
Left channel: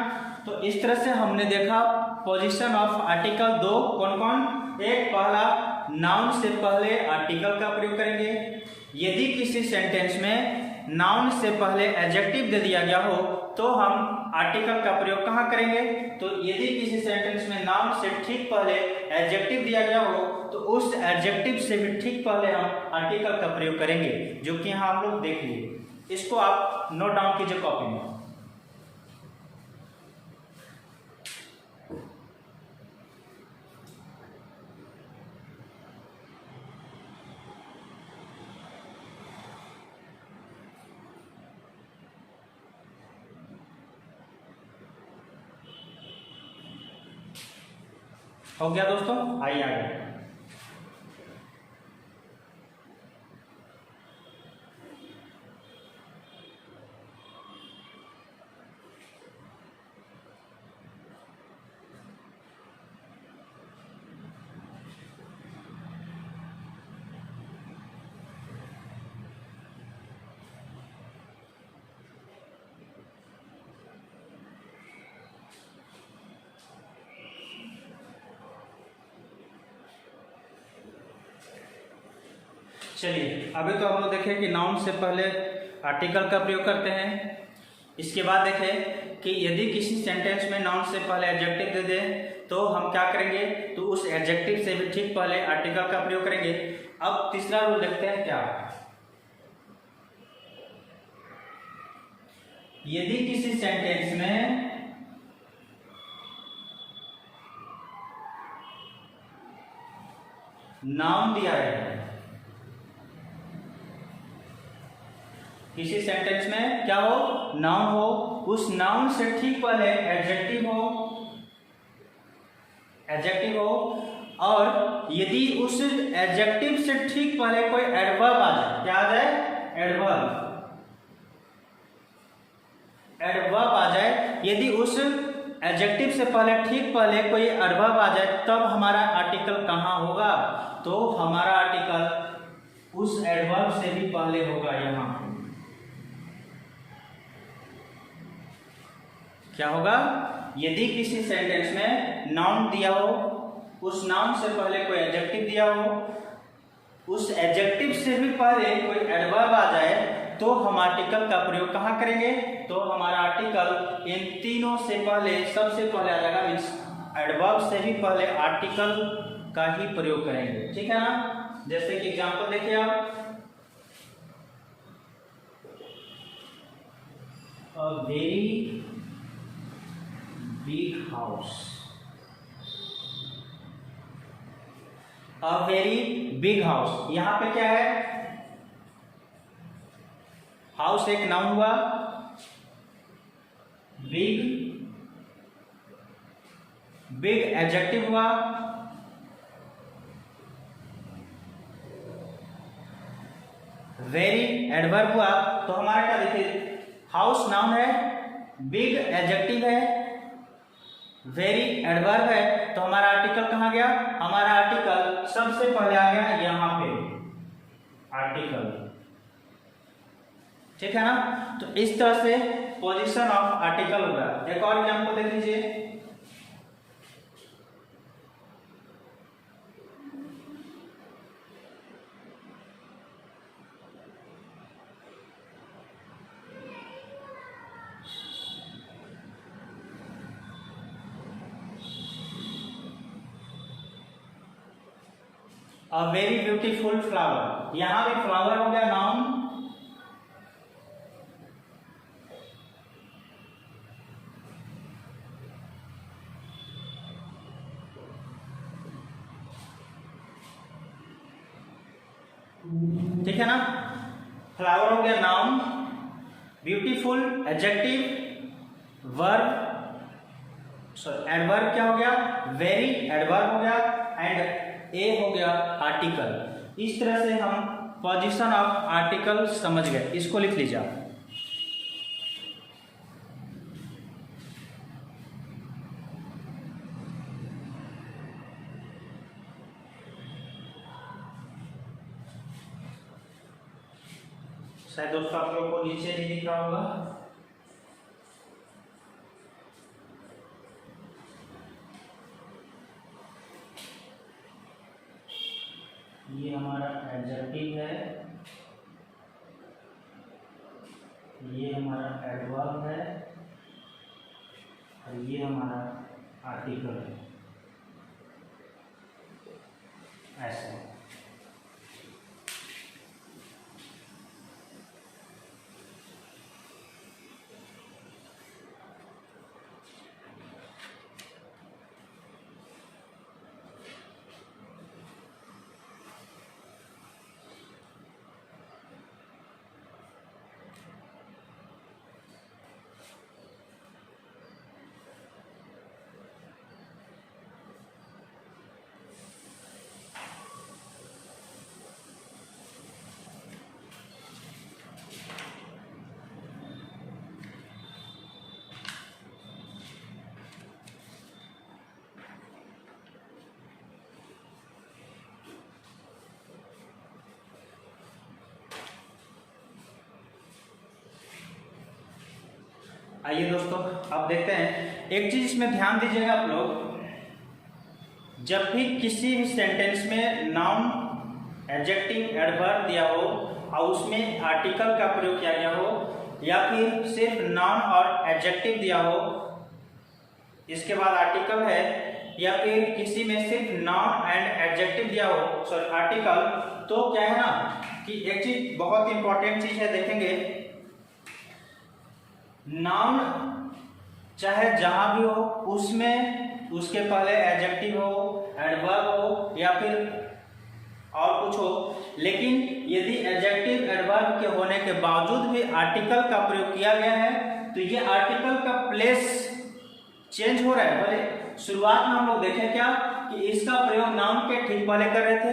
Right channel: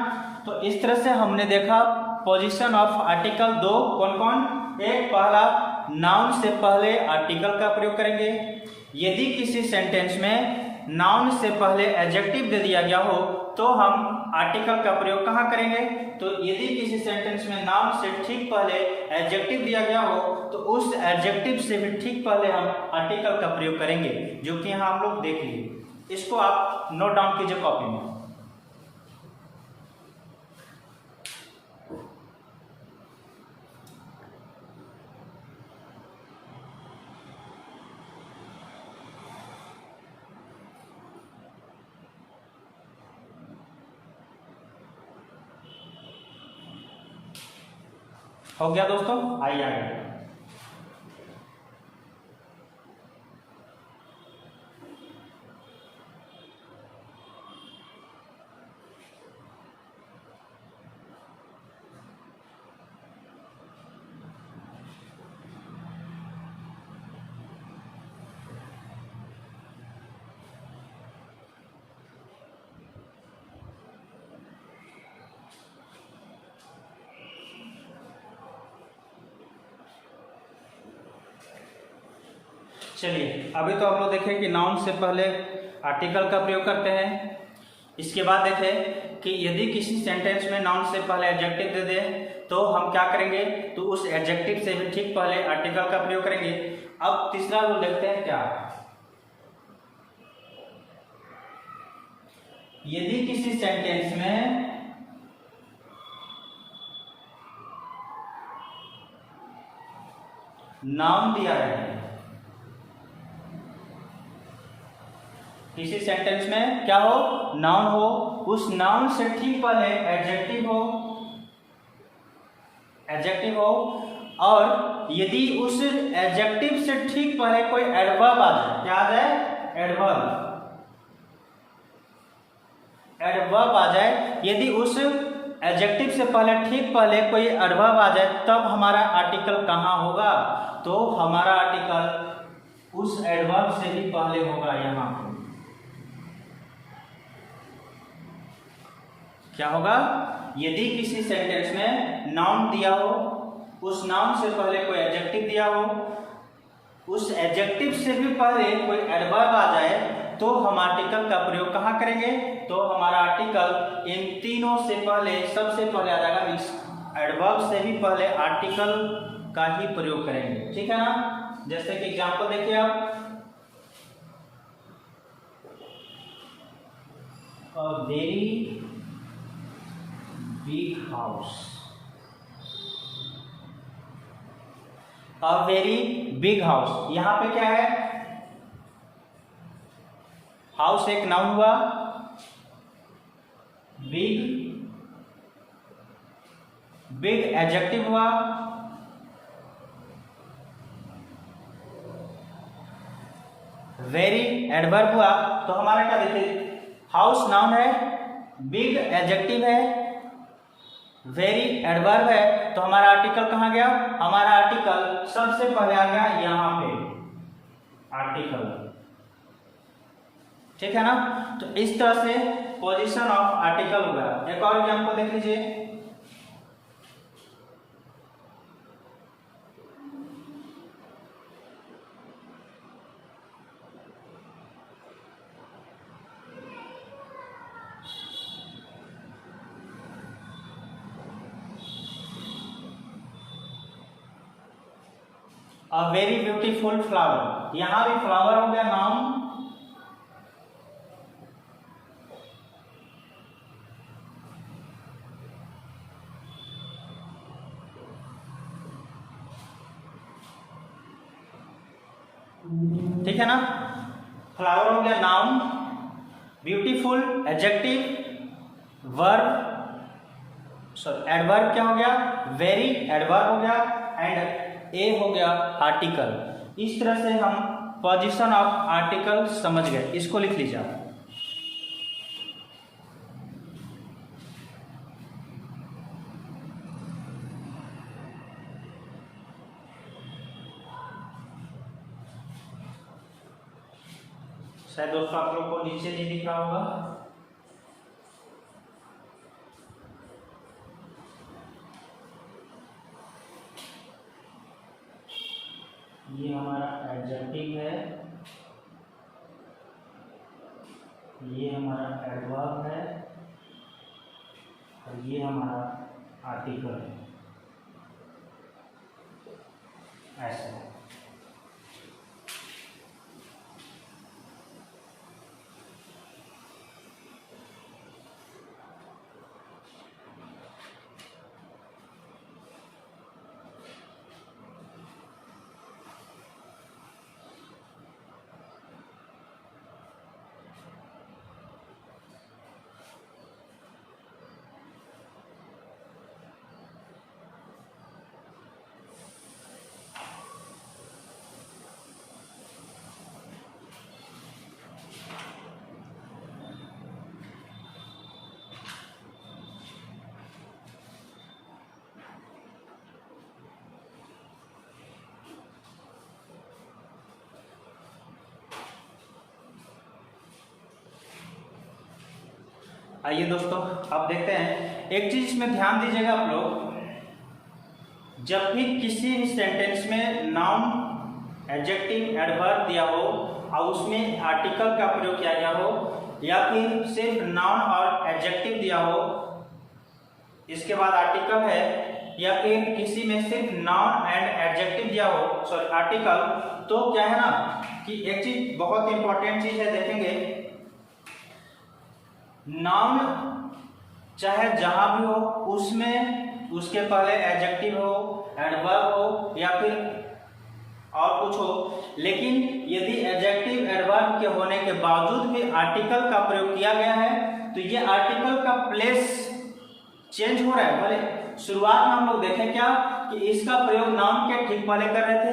तो इस तरह से हमने देखा पोजीशन ऑफ आर्टिकल दो कौन कौन। एक पहला, नाउन से पहले आर्टिकल का प्रयोग करेंगे। यदि किसी सेंटेंस में नाउन से पहले एडजेक्टिव दे दिया गया हो तो हम आर्टिकल का प्रयोग कहाँ करेंगे? तो यदि किसी सेंटेंस में नाउन से ठीक पहले एडजेक्टिव दिया गया हो तो उस एडजेक्टिव से भी ठीक पहले हम आर्टिकल का प्रयोग करेंगे, जो कि यहाँ हम लोग देख लिए। इसको आप नोट डाउन कीजिए कॉपी में। हो गया दोस्तों, आइए आगे। चलिए, अभी तो आप लोग देखें कि नाउन से पहले आर्टिकल का प्रयोग करते हैं। इसके बाद देखें कि यदि किसी सेंटेंस में नाउन से पहले एडजेक्टिव दे दे तो हम क्या करेंगे? तो उस एडजेक्टिव से भी ठीक पहले आर्टिकल का प्रयोग करेंगे। अब तीसरा रूल देखते हैं क्या है। यदि किसी सेंटेंस में नाउन दिया गया है, किसी सेंटेंस में क्या हो? नाउन हो, उस नाउन से ठीक पहले एडजेक्टिव हो और यदि उस एडजेक्टिव से ठीक पहले कोई एडवर्ब आ जाए, क्या आ जाए? एडवर्ब आ जाए। यदि उस एडजेक्टिव से पहले ठीक पहले कोई एडवर्ब आ जाए तब हमारा आर्टिकल कहाँ होगा? तो हमारा आर्टिकल उस एडवर्ब से भी पहले होगा। यहाँ क्या होगा? यदि किसी सेंटेंस में नाउन दिया हो, उस नाउन से पहले कोई एडजेक्टिव दिया हो, उस एडजेक्टिव से भी पहले कोई एडवर्ब आ जाए तो हम आर्टिकल का प्रयोग कहाँ करेंगे? तो हमारा आर्टिकल इन तीनों से पहले सबसे पहले आ जाएगा। मीन्स एडवर्ब से भी पहले आर्टिकल का ही प्रयोग करेंगे, ठीक है ना? जैसे कि एग्जांपल देखिए आप, a very big house, a very big house। यहां पे क्या है? हाउस एक नाउन हुआ, बिग एडजेक्टिव हुआ, वेरी एडवर्ब हुआ। तो हमारा क्या देखिए, हाउस नाउन है, बिग एडजेक्टिव है, वेरी एडवर्ब है, तो हमारा आर्टिकल कहाँ गया? हमारा आर्टिकल सबसे पहले आ गया यहाँ पे आर्टिकल, ठीक है ना? तो इस तरह से पोजीशन ऑफ आर्टिकल होगा। एक और एग्जांपल देख लीजिए, अ वेरी ब्यूटीफुल फ्लावर। यहां भी फ्लावर हो गया नाउन, ठीक है ना? फ्लावर हो गया noun, beautiful adjective, verb adverb क्या हो गया? वेरी एडवर्ब हो गया, एंड ए हो गया आर्टिकल। इस तरह से हम पोजीशन ऑफ आर्टिकल समझ गए। इसको लिख लीजिए। शायद दोस्तों आप लोग को नीचे नहीं दिख रहा होगा। ये हमारा एडजेक्टिव है, ये हमारा एडवर्ब है और ये हमारा आर्टिकल है, ऐसा। आइए दोस्तों अब देखते हैं एक चीज इसमें ध्यान दीजिएगा आप लोग, जब भी किसी भी सेंटेंस में नाउन, एडजेक्टिव, एडवर्ब दिया हो और उसमें आर्टिकल का प्रयोग किया गया हो, या फिर सिर्फ नाउन और एडजेक्टिव दिया हो इसके बाद आर्टिकल है, या फिर किसी में सिर्फ नाउन एंड एडजेक्टिव दिया हो, सॉरी आर्टिकल, तो क्या है ना कि एक चीज बहुत इंपॉर्टेंट चीज है, देखेंगे नाउन चाहे जहां भी हो उसमें उसके पहले एडजेक्टिव हो, एडवर्ब हो या फिर और कुछ हो, लेकिन यदि एडजेक्टिव, एडवर्ब के होने के बावजूद भी आर्टिकल का प्रयोग किया गया है तो ये आर्टिकल का प्लेस चेंज हो रहा है। भले शुरुआत में हम लोग देखें क्या कि इसका प्रयोग नाउन के ठीक पहले कर रहे थे,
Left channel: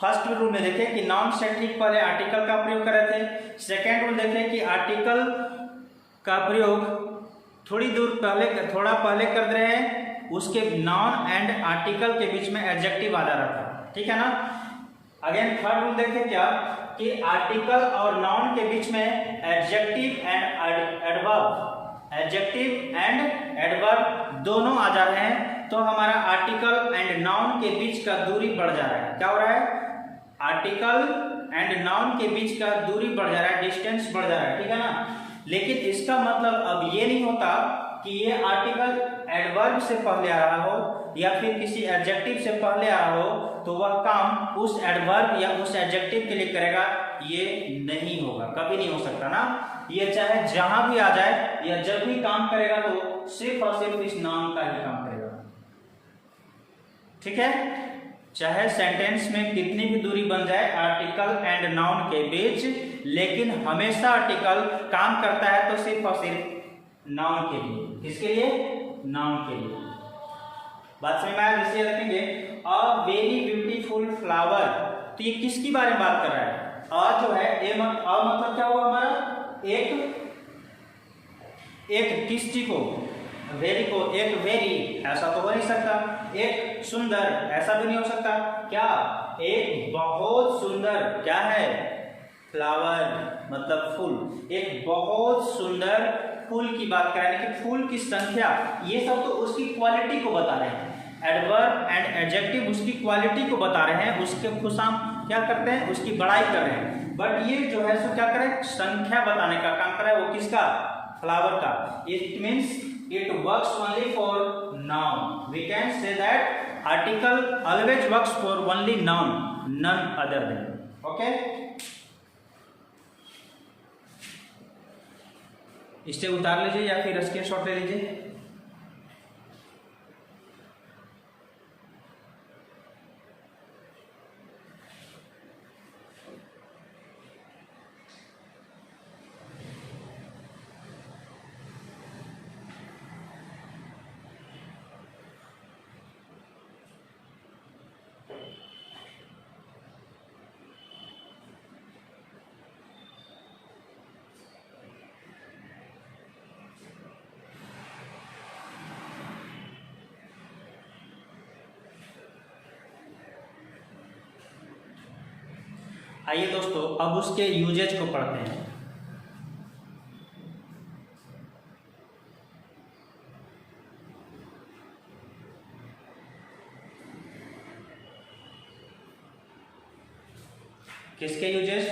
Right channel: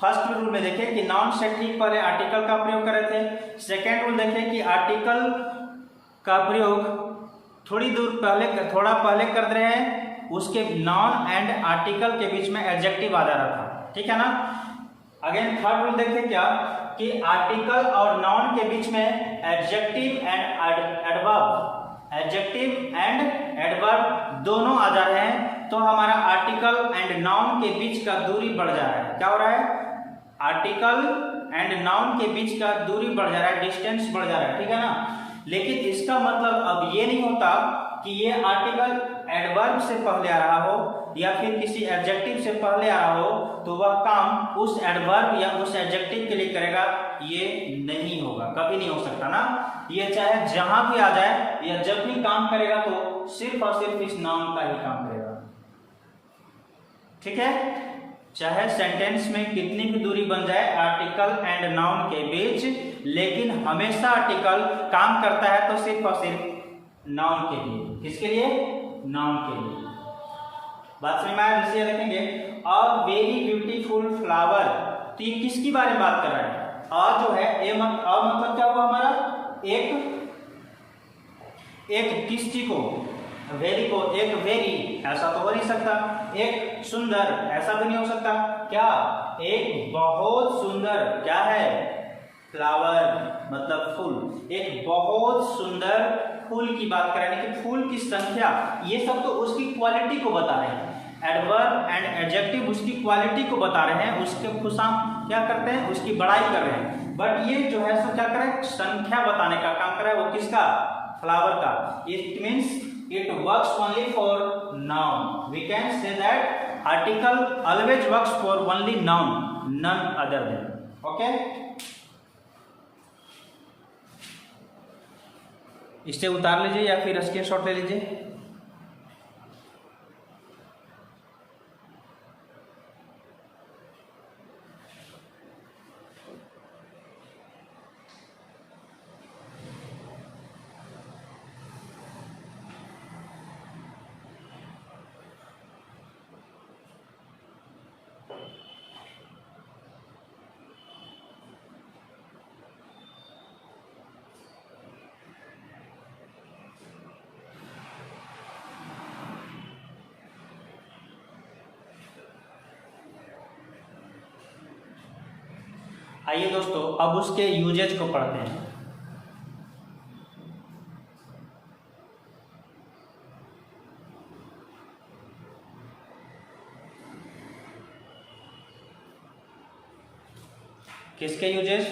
फर्स्ट रूल में देखें कि नाउन से ठीक पहले आर्टिकल का प्रयोग कर रहे थे, सेकेंड रूल देखें कि आर्टिकल का प्रयोग थोड़ा पहले कर रहे हैं, उसके नाउन एंड आर्टिकल के बीच में एडजेक्टिव आ जा रहा था, ठीक है ना। अगेन थर्ड रूल देखें क्या कि आर्टिकल और नाउन के बीच में एडजेक्टिव एंड एडवर्ब दोनों आ जा रहे हैं, तो हमारा आर्टिकल एंड नाउन के बीच का दूरी बढ़ जा रहा है। क्या हो रहा है? आर्टिकल एंड नाउन के बीच का दूरी बढ़ जा रहा है, डिस्टेंस बढ़ जा रहा है, ठीक है ना। लेकिन इसका मतलब अब ये नहीं होता कि ये आर्टिकल एडवर्ब से पहले आ रहा हो या फिर किसी एडजेक्टिव से पहले आ रहा हो तो वह काम उस एडवर्ब या उस एडजेक्टिव के लिए करेगा, ये नहीं होगा, कभी नहीं हो सकता ना। ये चाहे जहां भी आ जाए या जब भी काम करेगा तो सिर्फ और सिर्फ इस नाउन का ही काम करेगा, ठीक है। चाहे सेंटेंस में कितनी भी दूरी बन जाए आर्टिकल एंड नाउन के बीच, लेकिन हमेशा आर्टिकल काम करता है तो सिर्फ और सिर्फ नाउन के लिए। किसके लिए? नाउन के लिए। बात समझ में आया? जिसे रखेंगे अ वेरी ब्यूटीफुल फ्लावर, तो ये किसकी बारे में बात कर रहा है? अ जो है ए मतलब क्या हुआ हमारा? एक किस चीज को? वेरी को। एक वेरी ऐसा तो हो नहीं सकता, एक सुंदर ऐसा भी नहीं हो सकता, क्या? एक बहुत सुंदर, क्या है? फ्लावर मतलब फूल। एक बहुत सुंदर फूल की बात कर रहे हैं कि फूल की संख्या, ये सब तो उसकी क्वालिटी को बता रहे हैं। एडवर्ब एंड एडजेक्टिव उसकी क्वालिटी को बता रहे हैं, उसके खुशाम क्या करते हैं? उसकी बड़ाई कर रहे हैं। बट ये जो है सो क्या करें? संख्या बताने का काम कर रहा है। वो किसका? फ्लावर का। It means it works only for noun. We can say that article always works for only noun, none other than. Okay? इसे उतार लीजिए या फिर स्क्रीनशॉट ले लीजिए। आइए दोस्तों अब उसके यूजेज को पढ़ते हैं। किसके यूजेज?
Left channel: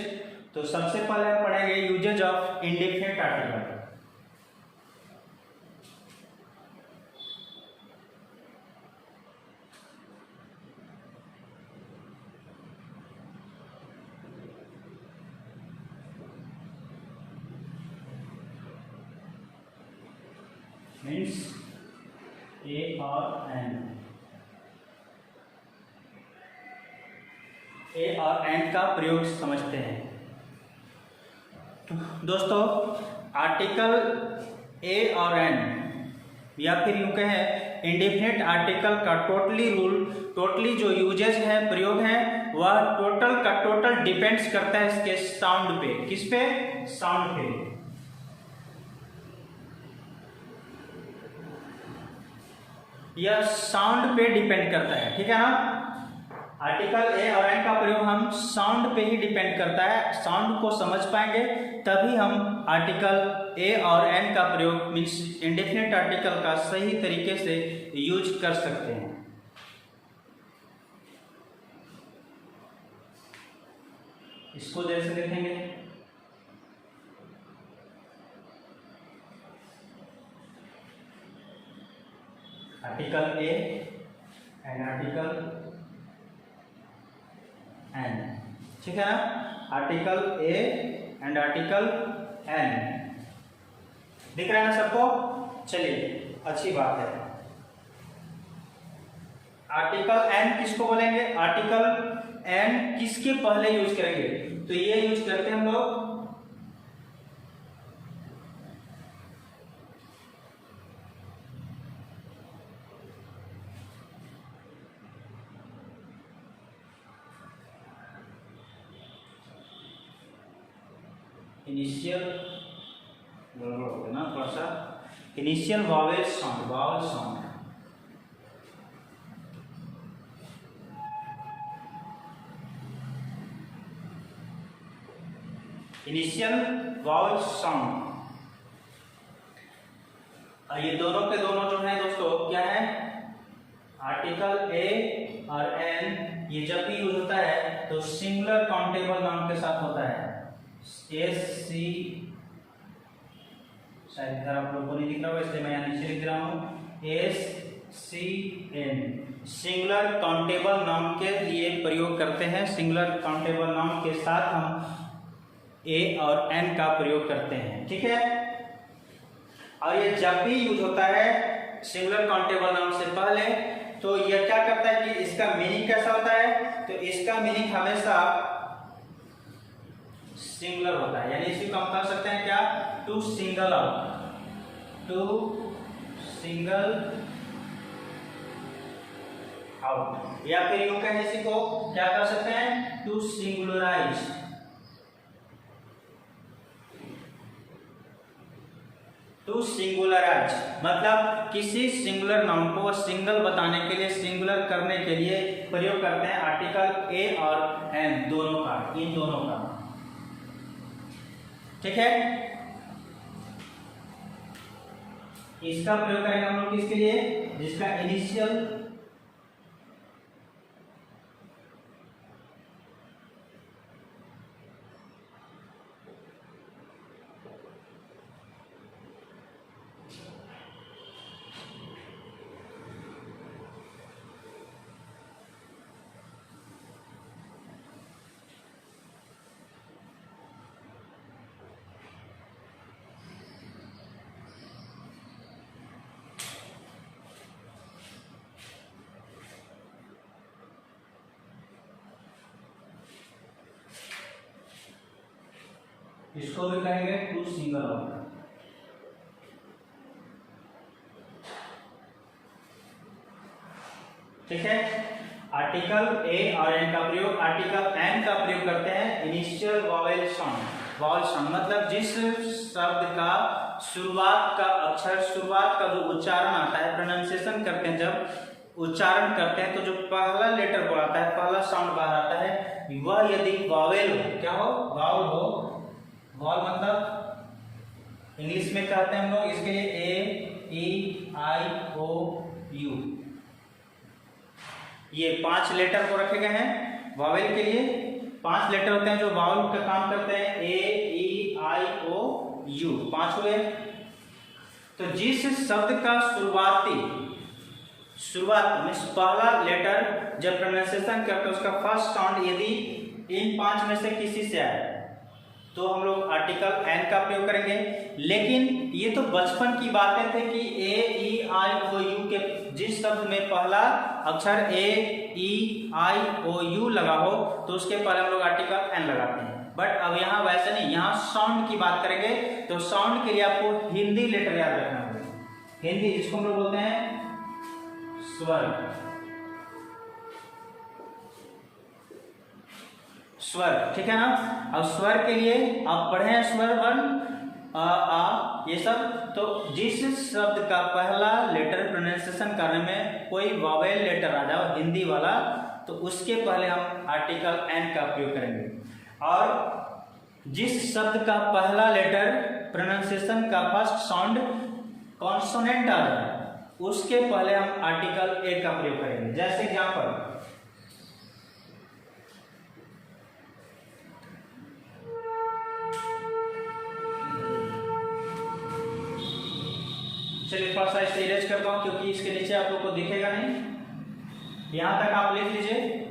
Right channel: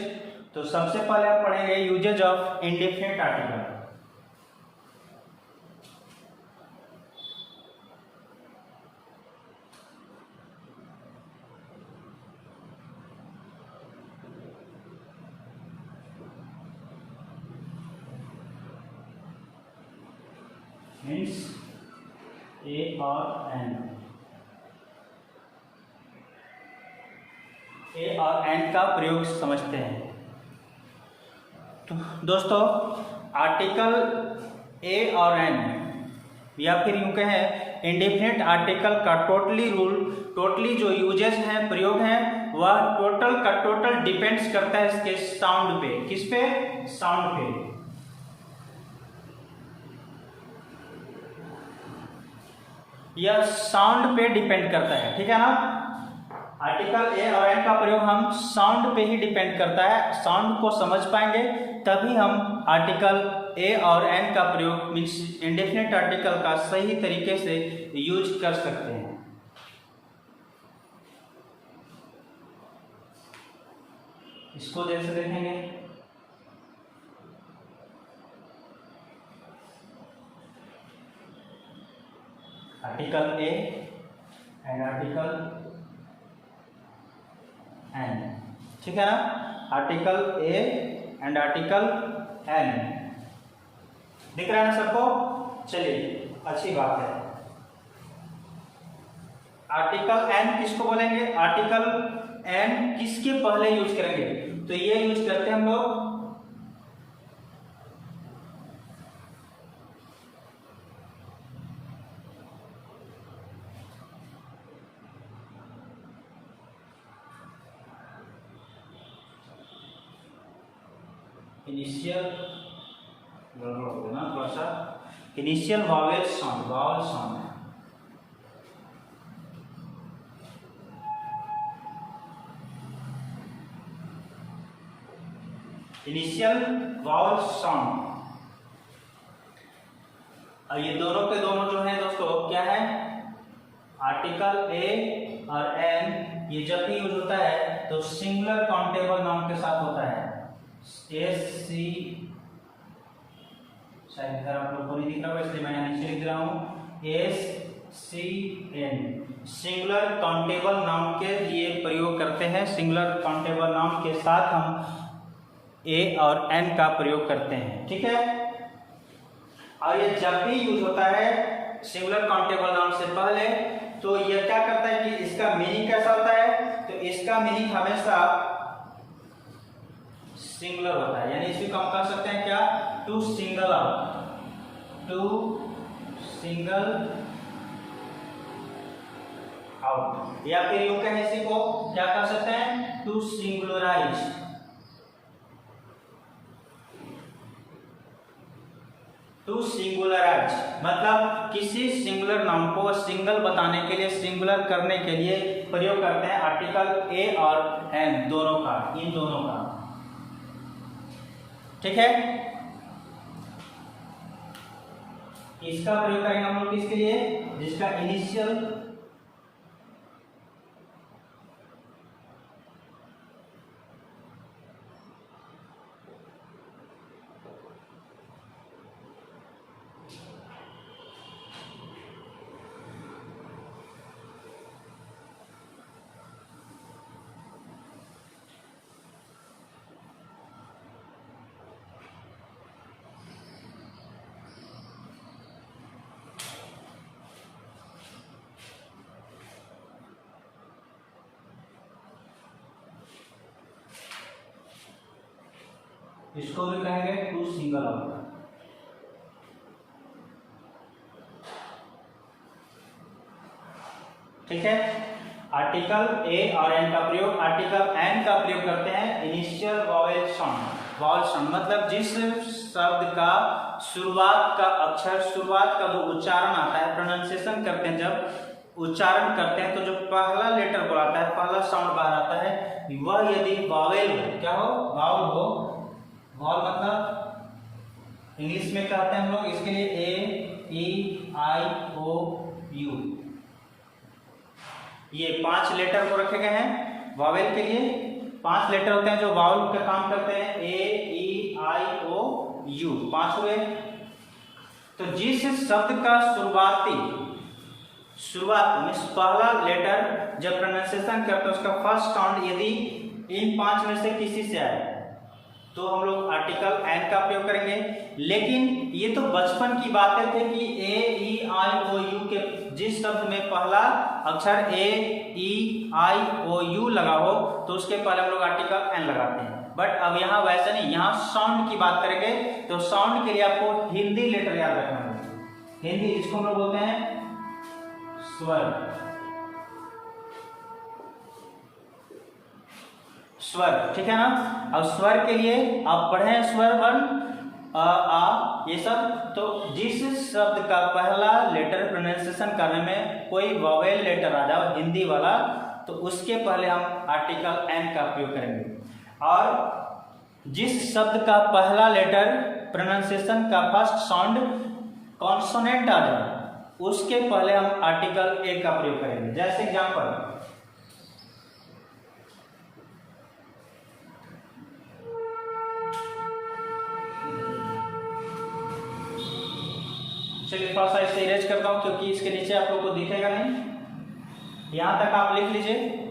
तो सबसे पहले आप पढ़ेंगे uses of indefinite article. Means a और एन, ए और एन का प्रयोग समझते हैं। तो दोस्तों आर्टिकल ए और एन या फिर यूं कहें इंडेफिनिट आर्टिकल का टोटली जो यूजेस हैं, प्रयोग हैं, वह टोटल का टोटल डिपेंड्स करता है इसके साउंड पे। किस पे? साउंड पे। यह साउंड पे डिपेंड करता है, ठीक है ना। आर्टिकल ए और एन का प्रयोग हम साउंड पे ही डिपेंड करता है। साउंड को समझ पाएंगे तभी हम आर्टिकल ए और एन का प्रयोग मीन्स इंडेफिनिट आर्टिकल का सही तरीके से यूज कर सकते हैं। इसको देख से देखेंगे। Article A and article an, ठीक है ना। Article A and article an दिख रहा है ना सबको? चलिए अच्छी बात है। आर्टिकल एन किसको बोलेंगे? आर्टिकल एन किसके पहले यूज करेंगे? तो ये यूज करते हैं हम लोग इनिशियल, ना थोड़ा सा initial Wavell sound, vowel sound. Initial vowel sound. ये दोनों के दोनों जो है दोस्तों क्या है? आर्टिकल ए और एन ये जब भी यूज होता है तो सिंगुलर काउंटेबल नाउन के साथ होता है। एस सी, शायद इधर आप लोग को नहीं दिख रहा होगा इसलिए मैं यहाँ नीचे लिख रहा हूँ, S C N. Singular countable noun के लिए प्रयोग करते हैं। सिंगुलर काउंटेबल नाउन के साथ हम ए और एन का प्रयोग करते हैं, ठीक है। और ये जब भी यूज होता है सिंगुलर काउंटेबल नाउन से पहले तो ये क्या करता है कि इसका मीनिंग कैसा होता है? तो इसका मीनिंग हमेशा सिंगुलर होता है, यानी इसको हम कह सकते हैं क्या? To single out, to single out, या फिर यूं कहें इसी को क्या कर सकते हैं? टू सिंगुलराइज, टू सिंगुलराइज मतलब किसी सिंगुलर नाउन को सिंगल बताने के लिए, सिंगुलर करने के लिए प्रयोग करते हैं आर्टिकल ए और एन दोनों का, इन दोनों का, ठीक है। इसका प्रयोग करेंगे हम लोग किसके लिए? जिसका इनिशियल इसको भी कहेंगे टू सिंगल आउट, ठीक है। आर्टिकल ए और एन का प्रयोग, आर्टिकल एन का प्रयोग करते हैं initial Wavell sound. Wavell sound मतलब जिस शब्द का शुरुआत का अक्षर, शुरुआत का जो उच्चारण आता है, प्रोनाउंसिएशन करते हैं, जब उच्चारण करते हैं तो जो पहला लेटर बोलाता है, पहला साउंड बाहर आता है, वह यदि वावेल हो, क्या हो? वावल हो। वावल मतलब इंग्लिश में कहते हैं हम लोग इसके लिए ए, ई, आई, ओ, यू, ये 5 लेटर को रखे गए हैं वावेल के लिए। 5 लेटर होते हैं जो वावल का काम करते हैं, A, E, I, O, U, 5 हुए। तो जिस शब्द का शुरुआत मीन्स पहला लेटर जब प्रोनाउंसिएशन करते हैं उसका फर्स्ट साउंड यदि इन 5 में से किसी से आए तो हम लोग आर्टिकल एन का प्रयोग करेंगे। लेकिन ये तो बचपन की बातें थे कि A, E, I, O, U के जिस शब्द में पहला अक्षर A, E, I, O, U लगा हो तो उसके पहले हम लोग आर्टिकल एन लगाते हैं। बट अब यहाँ वैसे नहीं, यहाँ साउंड की बात करेंगे तो साउंड के लिए आपको हिंदी लेटर याद रखना होगा। हिंदी, इसको हम लोग बोलते हैं स्वर। स्वर, ठीक है ना। अब स्वर के लिए आप पढ़े स्वर वर्ण आ ये सब। तो जिस शब्द का पहला लेटर प्रोनाउंसिएशन करने में कोई वोवेल लेटर आ जाओ हिंदी वाला तो उसके पहले हम आर्टिकल एन का प्रयोग करेंगे। और जिस शब्द का पहला लेटर प्रोनाउंसिएशन का फर्स्ट साउंड कॉन्सोनेंट आ जाए उसके पहले हम आर्टिकल ए का प्रयोग करेंगे। जैसे एग्जांपल, चलिए थोड़ा सा इसे इरेज करता हूं क्योंकि इसके नीचे आप लोग को दिखेगा नहीं। यहां तक आप लिख लीजिए।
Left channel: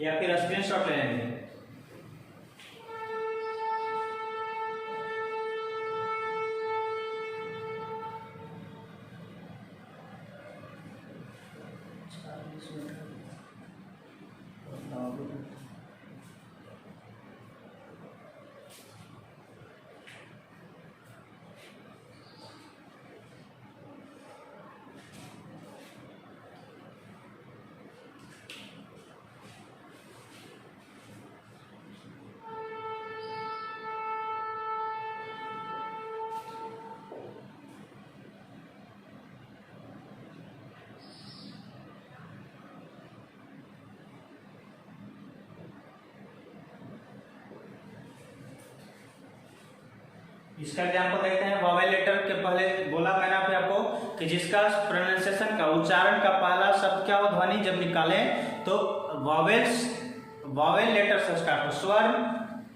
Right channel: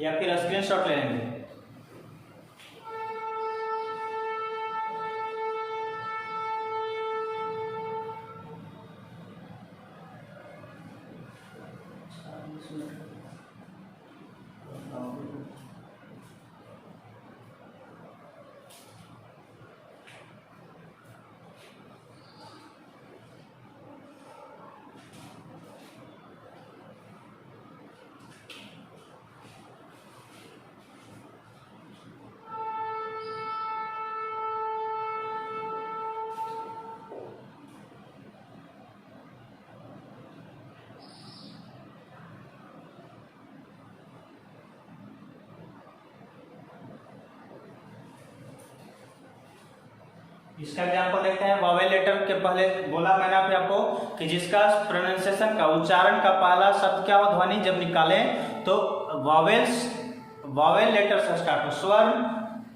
या फिर स्क्रीनशॉट ले लेंगे। इसका एग्जांपल देखते हैं। वोवेल लेटर के पहले बोला मैंने अभी आपको कि जिसका प्रोनाउंसिएशन का उच्चारण का पहला शब्द क्या हो ध्वनि जब निकालें तो वोवेल लेटर से स्टार्ट हो, स्वर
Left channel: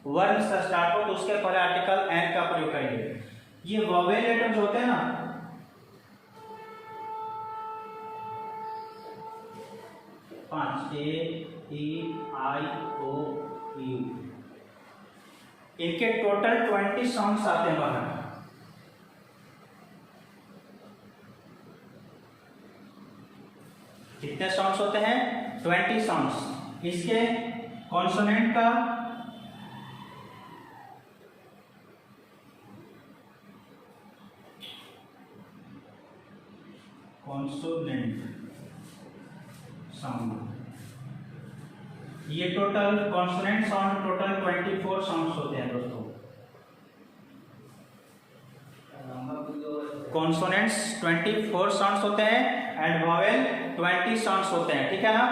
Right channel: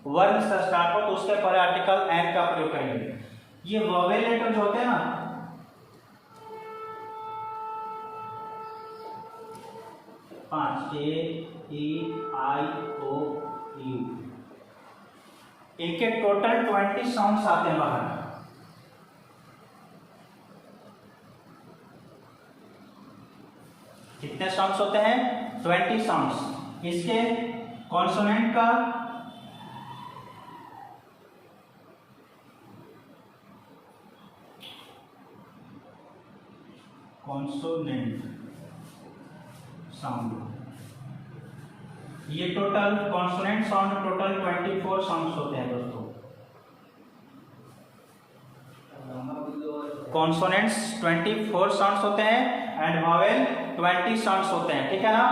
वर्ण से स्टार्ट हो तो उसके पहले आर्टिकल एन का प्रयोग करेंगे। ये वोवेल लेटर जो होते हैं ना, पांच A, E, I, O, U, इनके टोटल 20 साउंड्स आते हैं बाहर। कितने साउंड्स होते हैं? 20 साउंड्स। इसके कॉन्सोनेंट का साउंड, ये total consonant sound total 24 sounds होते हैं दोस्तों। कॉन्सोनेंट्स 24 साउंड्स होते हैं एंड वोवेल 20 साउंड्स होते हैं, ठीक है ना।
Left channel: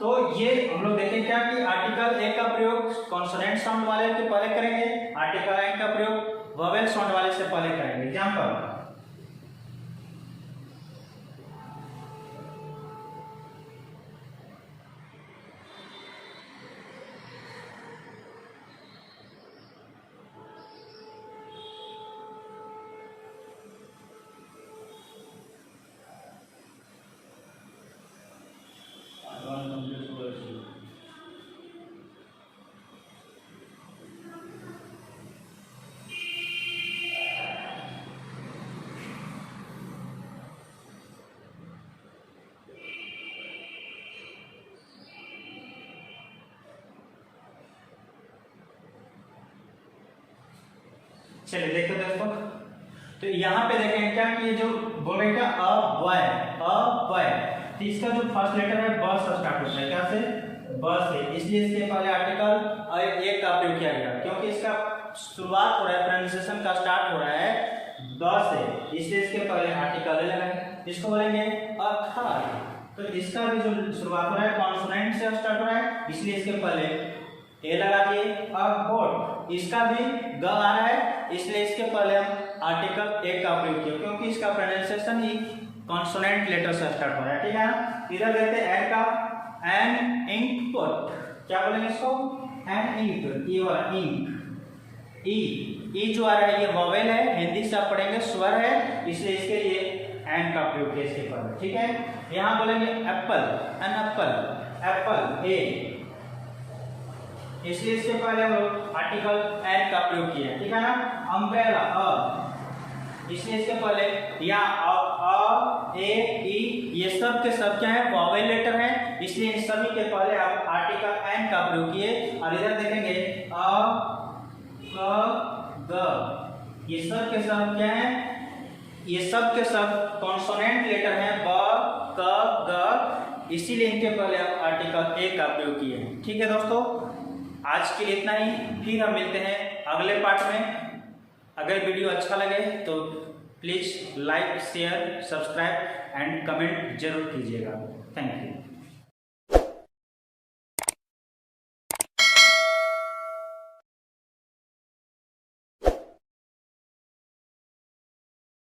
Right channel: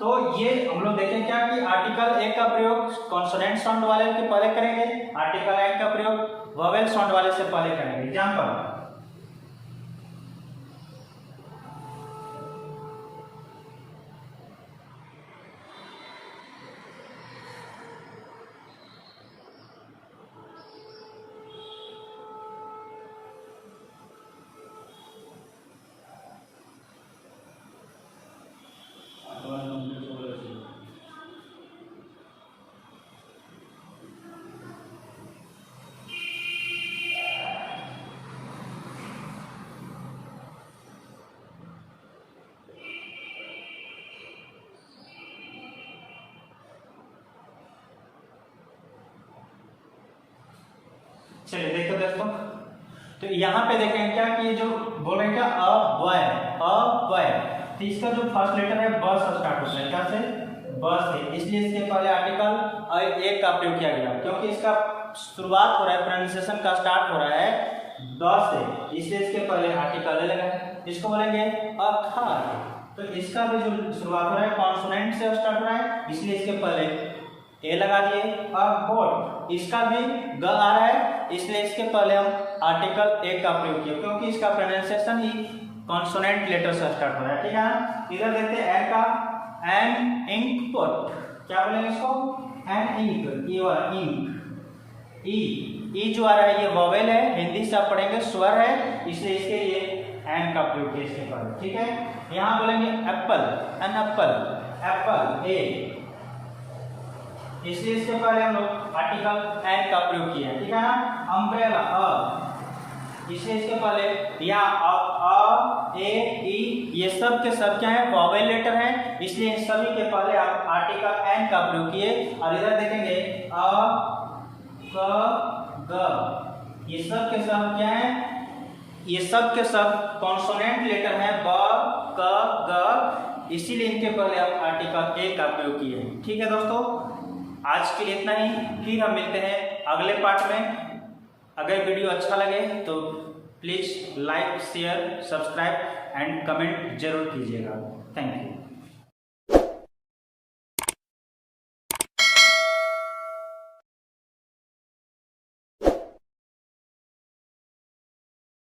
तो ये हम लोग देखें क्या कि आर्टिकल ए का प्रयोग कॉन्सोनेंट साउंड वाले के पहले करेंगे, आर्टिकल एन का प्रयोग वोवेल साउंड वाले से पहले करेंगे। एग्जांपल, चलिए देखो दोस्तों, तो यहाँ पे देखें क्या कि ये जो बोलेगा अवय, तो इसका जो फर्स्ट लेटर है ब से स्टार्ट होता है, क्या से? ब से, इसलिए इसके पहले आर्टिकल एक का प्रयोग किया गया क्योंकि इसका शुरुआत हो रहा है, प्रोनाउंसिएशन का स्टार्ट हो रहा है ब से, इसलिए इसके पहले आर्टिकल लगा है। इसको बोलेंगे अथर, तो इसका भी जो शुरुआत हो रहा है कॉन्सोनेंट से स्टार्ट हो रहा है, इसलिए इसके पहले ए लगा दिए। अबोट, इसका भी ग आ रहा है, इसलिए इसके पहले हम आर्टिकल ए का प्रयोग किया क्योंकि इसका प्रोनाउंसिएशन ही कॉन्सोनेंट लेटर से स्टार्ट हो रहा है, ठीक है ना। इधर देखते हैं एन का, एन इंक, क्या बोलेंगे इसको, एन इंक, ये वाला इंक। ई जो आ रहा है ये वोवेल है, हिंदी से आप पढ़ेंगे स्वर है, इसलिए इसके लिए एन का प्रयोग किया इसके पर, ठीक है। यहाँ बोलेंगे एप्पल, एन एप्पल, एप्पल ए, इसलिए इसके पहले हम लोग आर्टिकल एन का प्रयोग किया, ठीक है ना। अम्ब्रेला अ, इसलिए इसके पहले यहाँ अ ए ई ये सब के सब क्या है, वोवेल लेटर है, इसलिए इन सभी के पहले आप आर्टिकल एन का प्रयोग किए। और इधर देखेंगे अ क ग, ये सब के सब क्या है, ये सब के सब कॉन्सोनेंट लेटर है, ब क ग, इसीलिए इनके पहले आप आर्टिकल ए का प्रयोग किए, ठीक है दोस्तों। आज के लिए इतना ही, फिर हम मिलते हैं अगले पार्ट में। अगर वीडियो अच्छा लगे तो please like share subscribe and comment जरूर कीजिएगा। Thank you.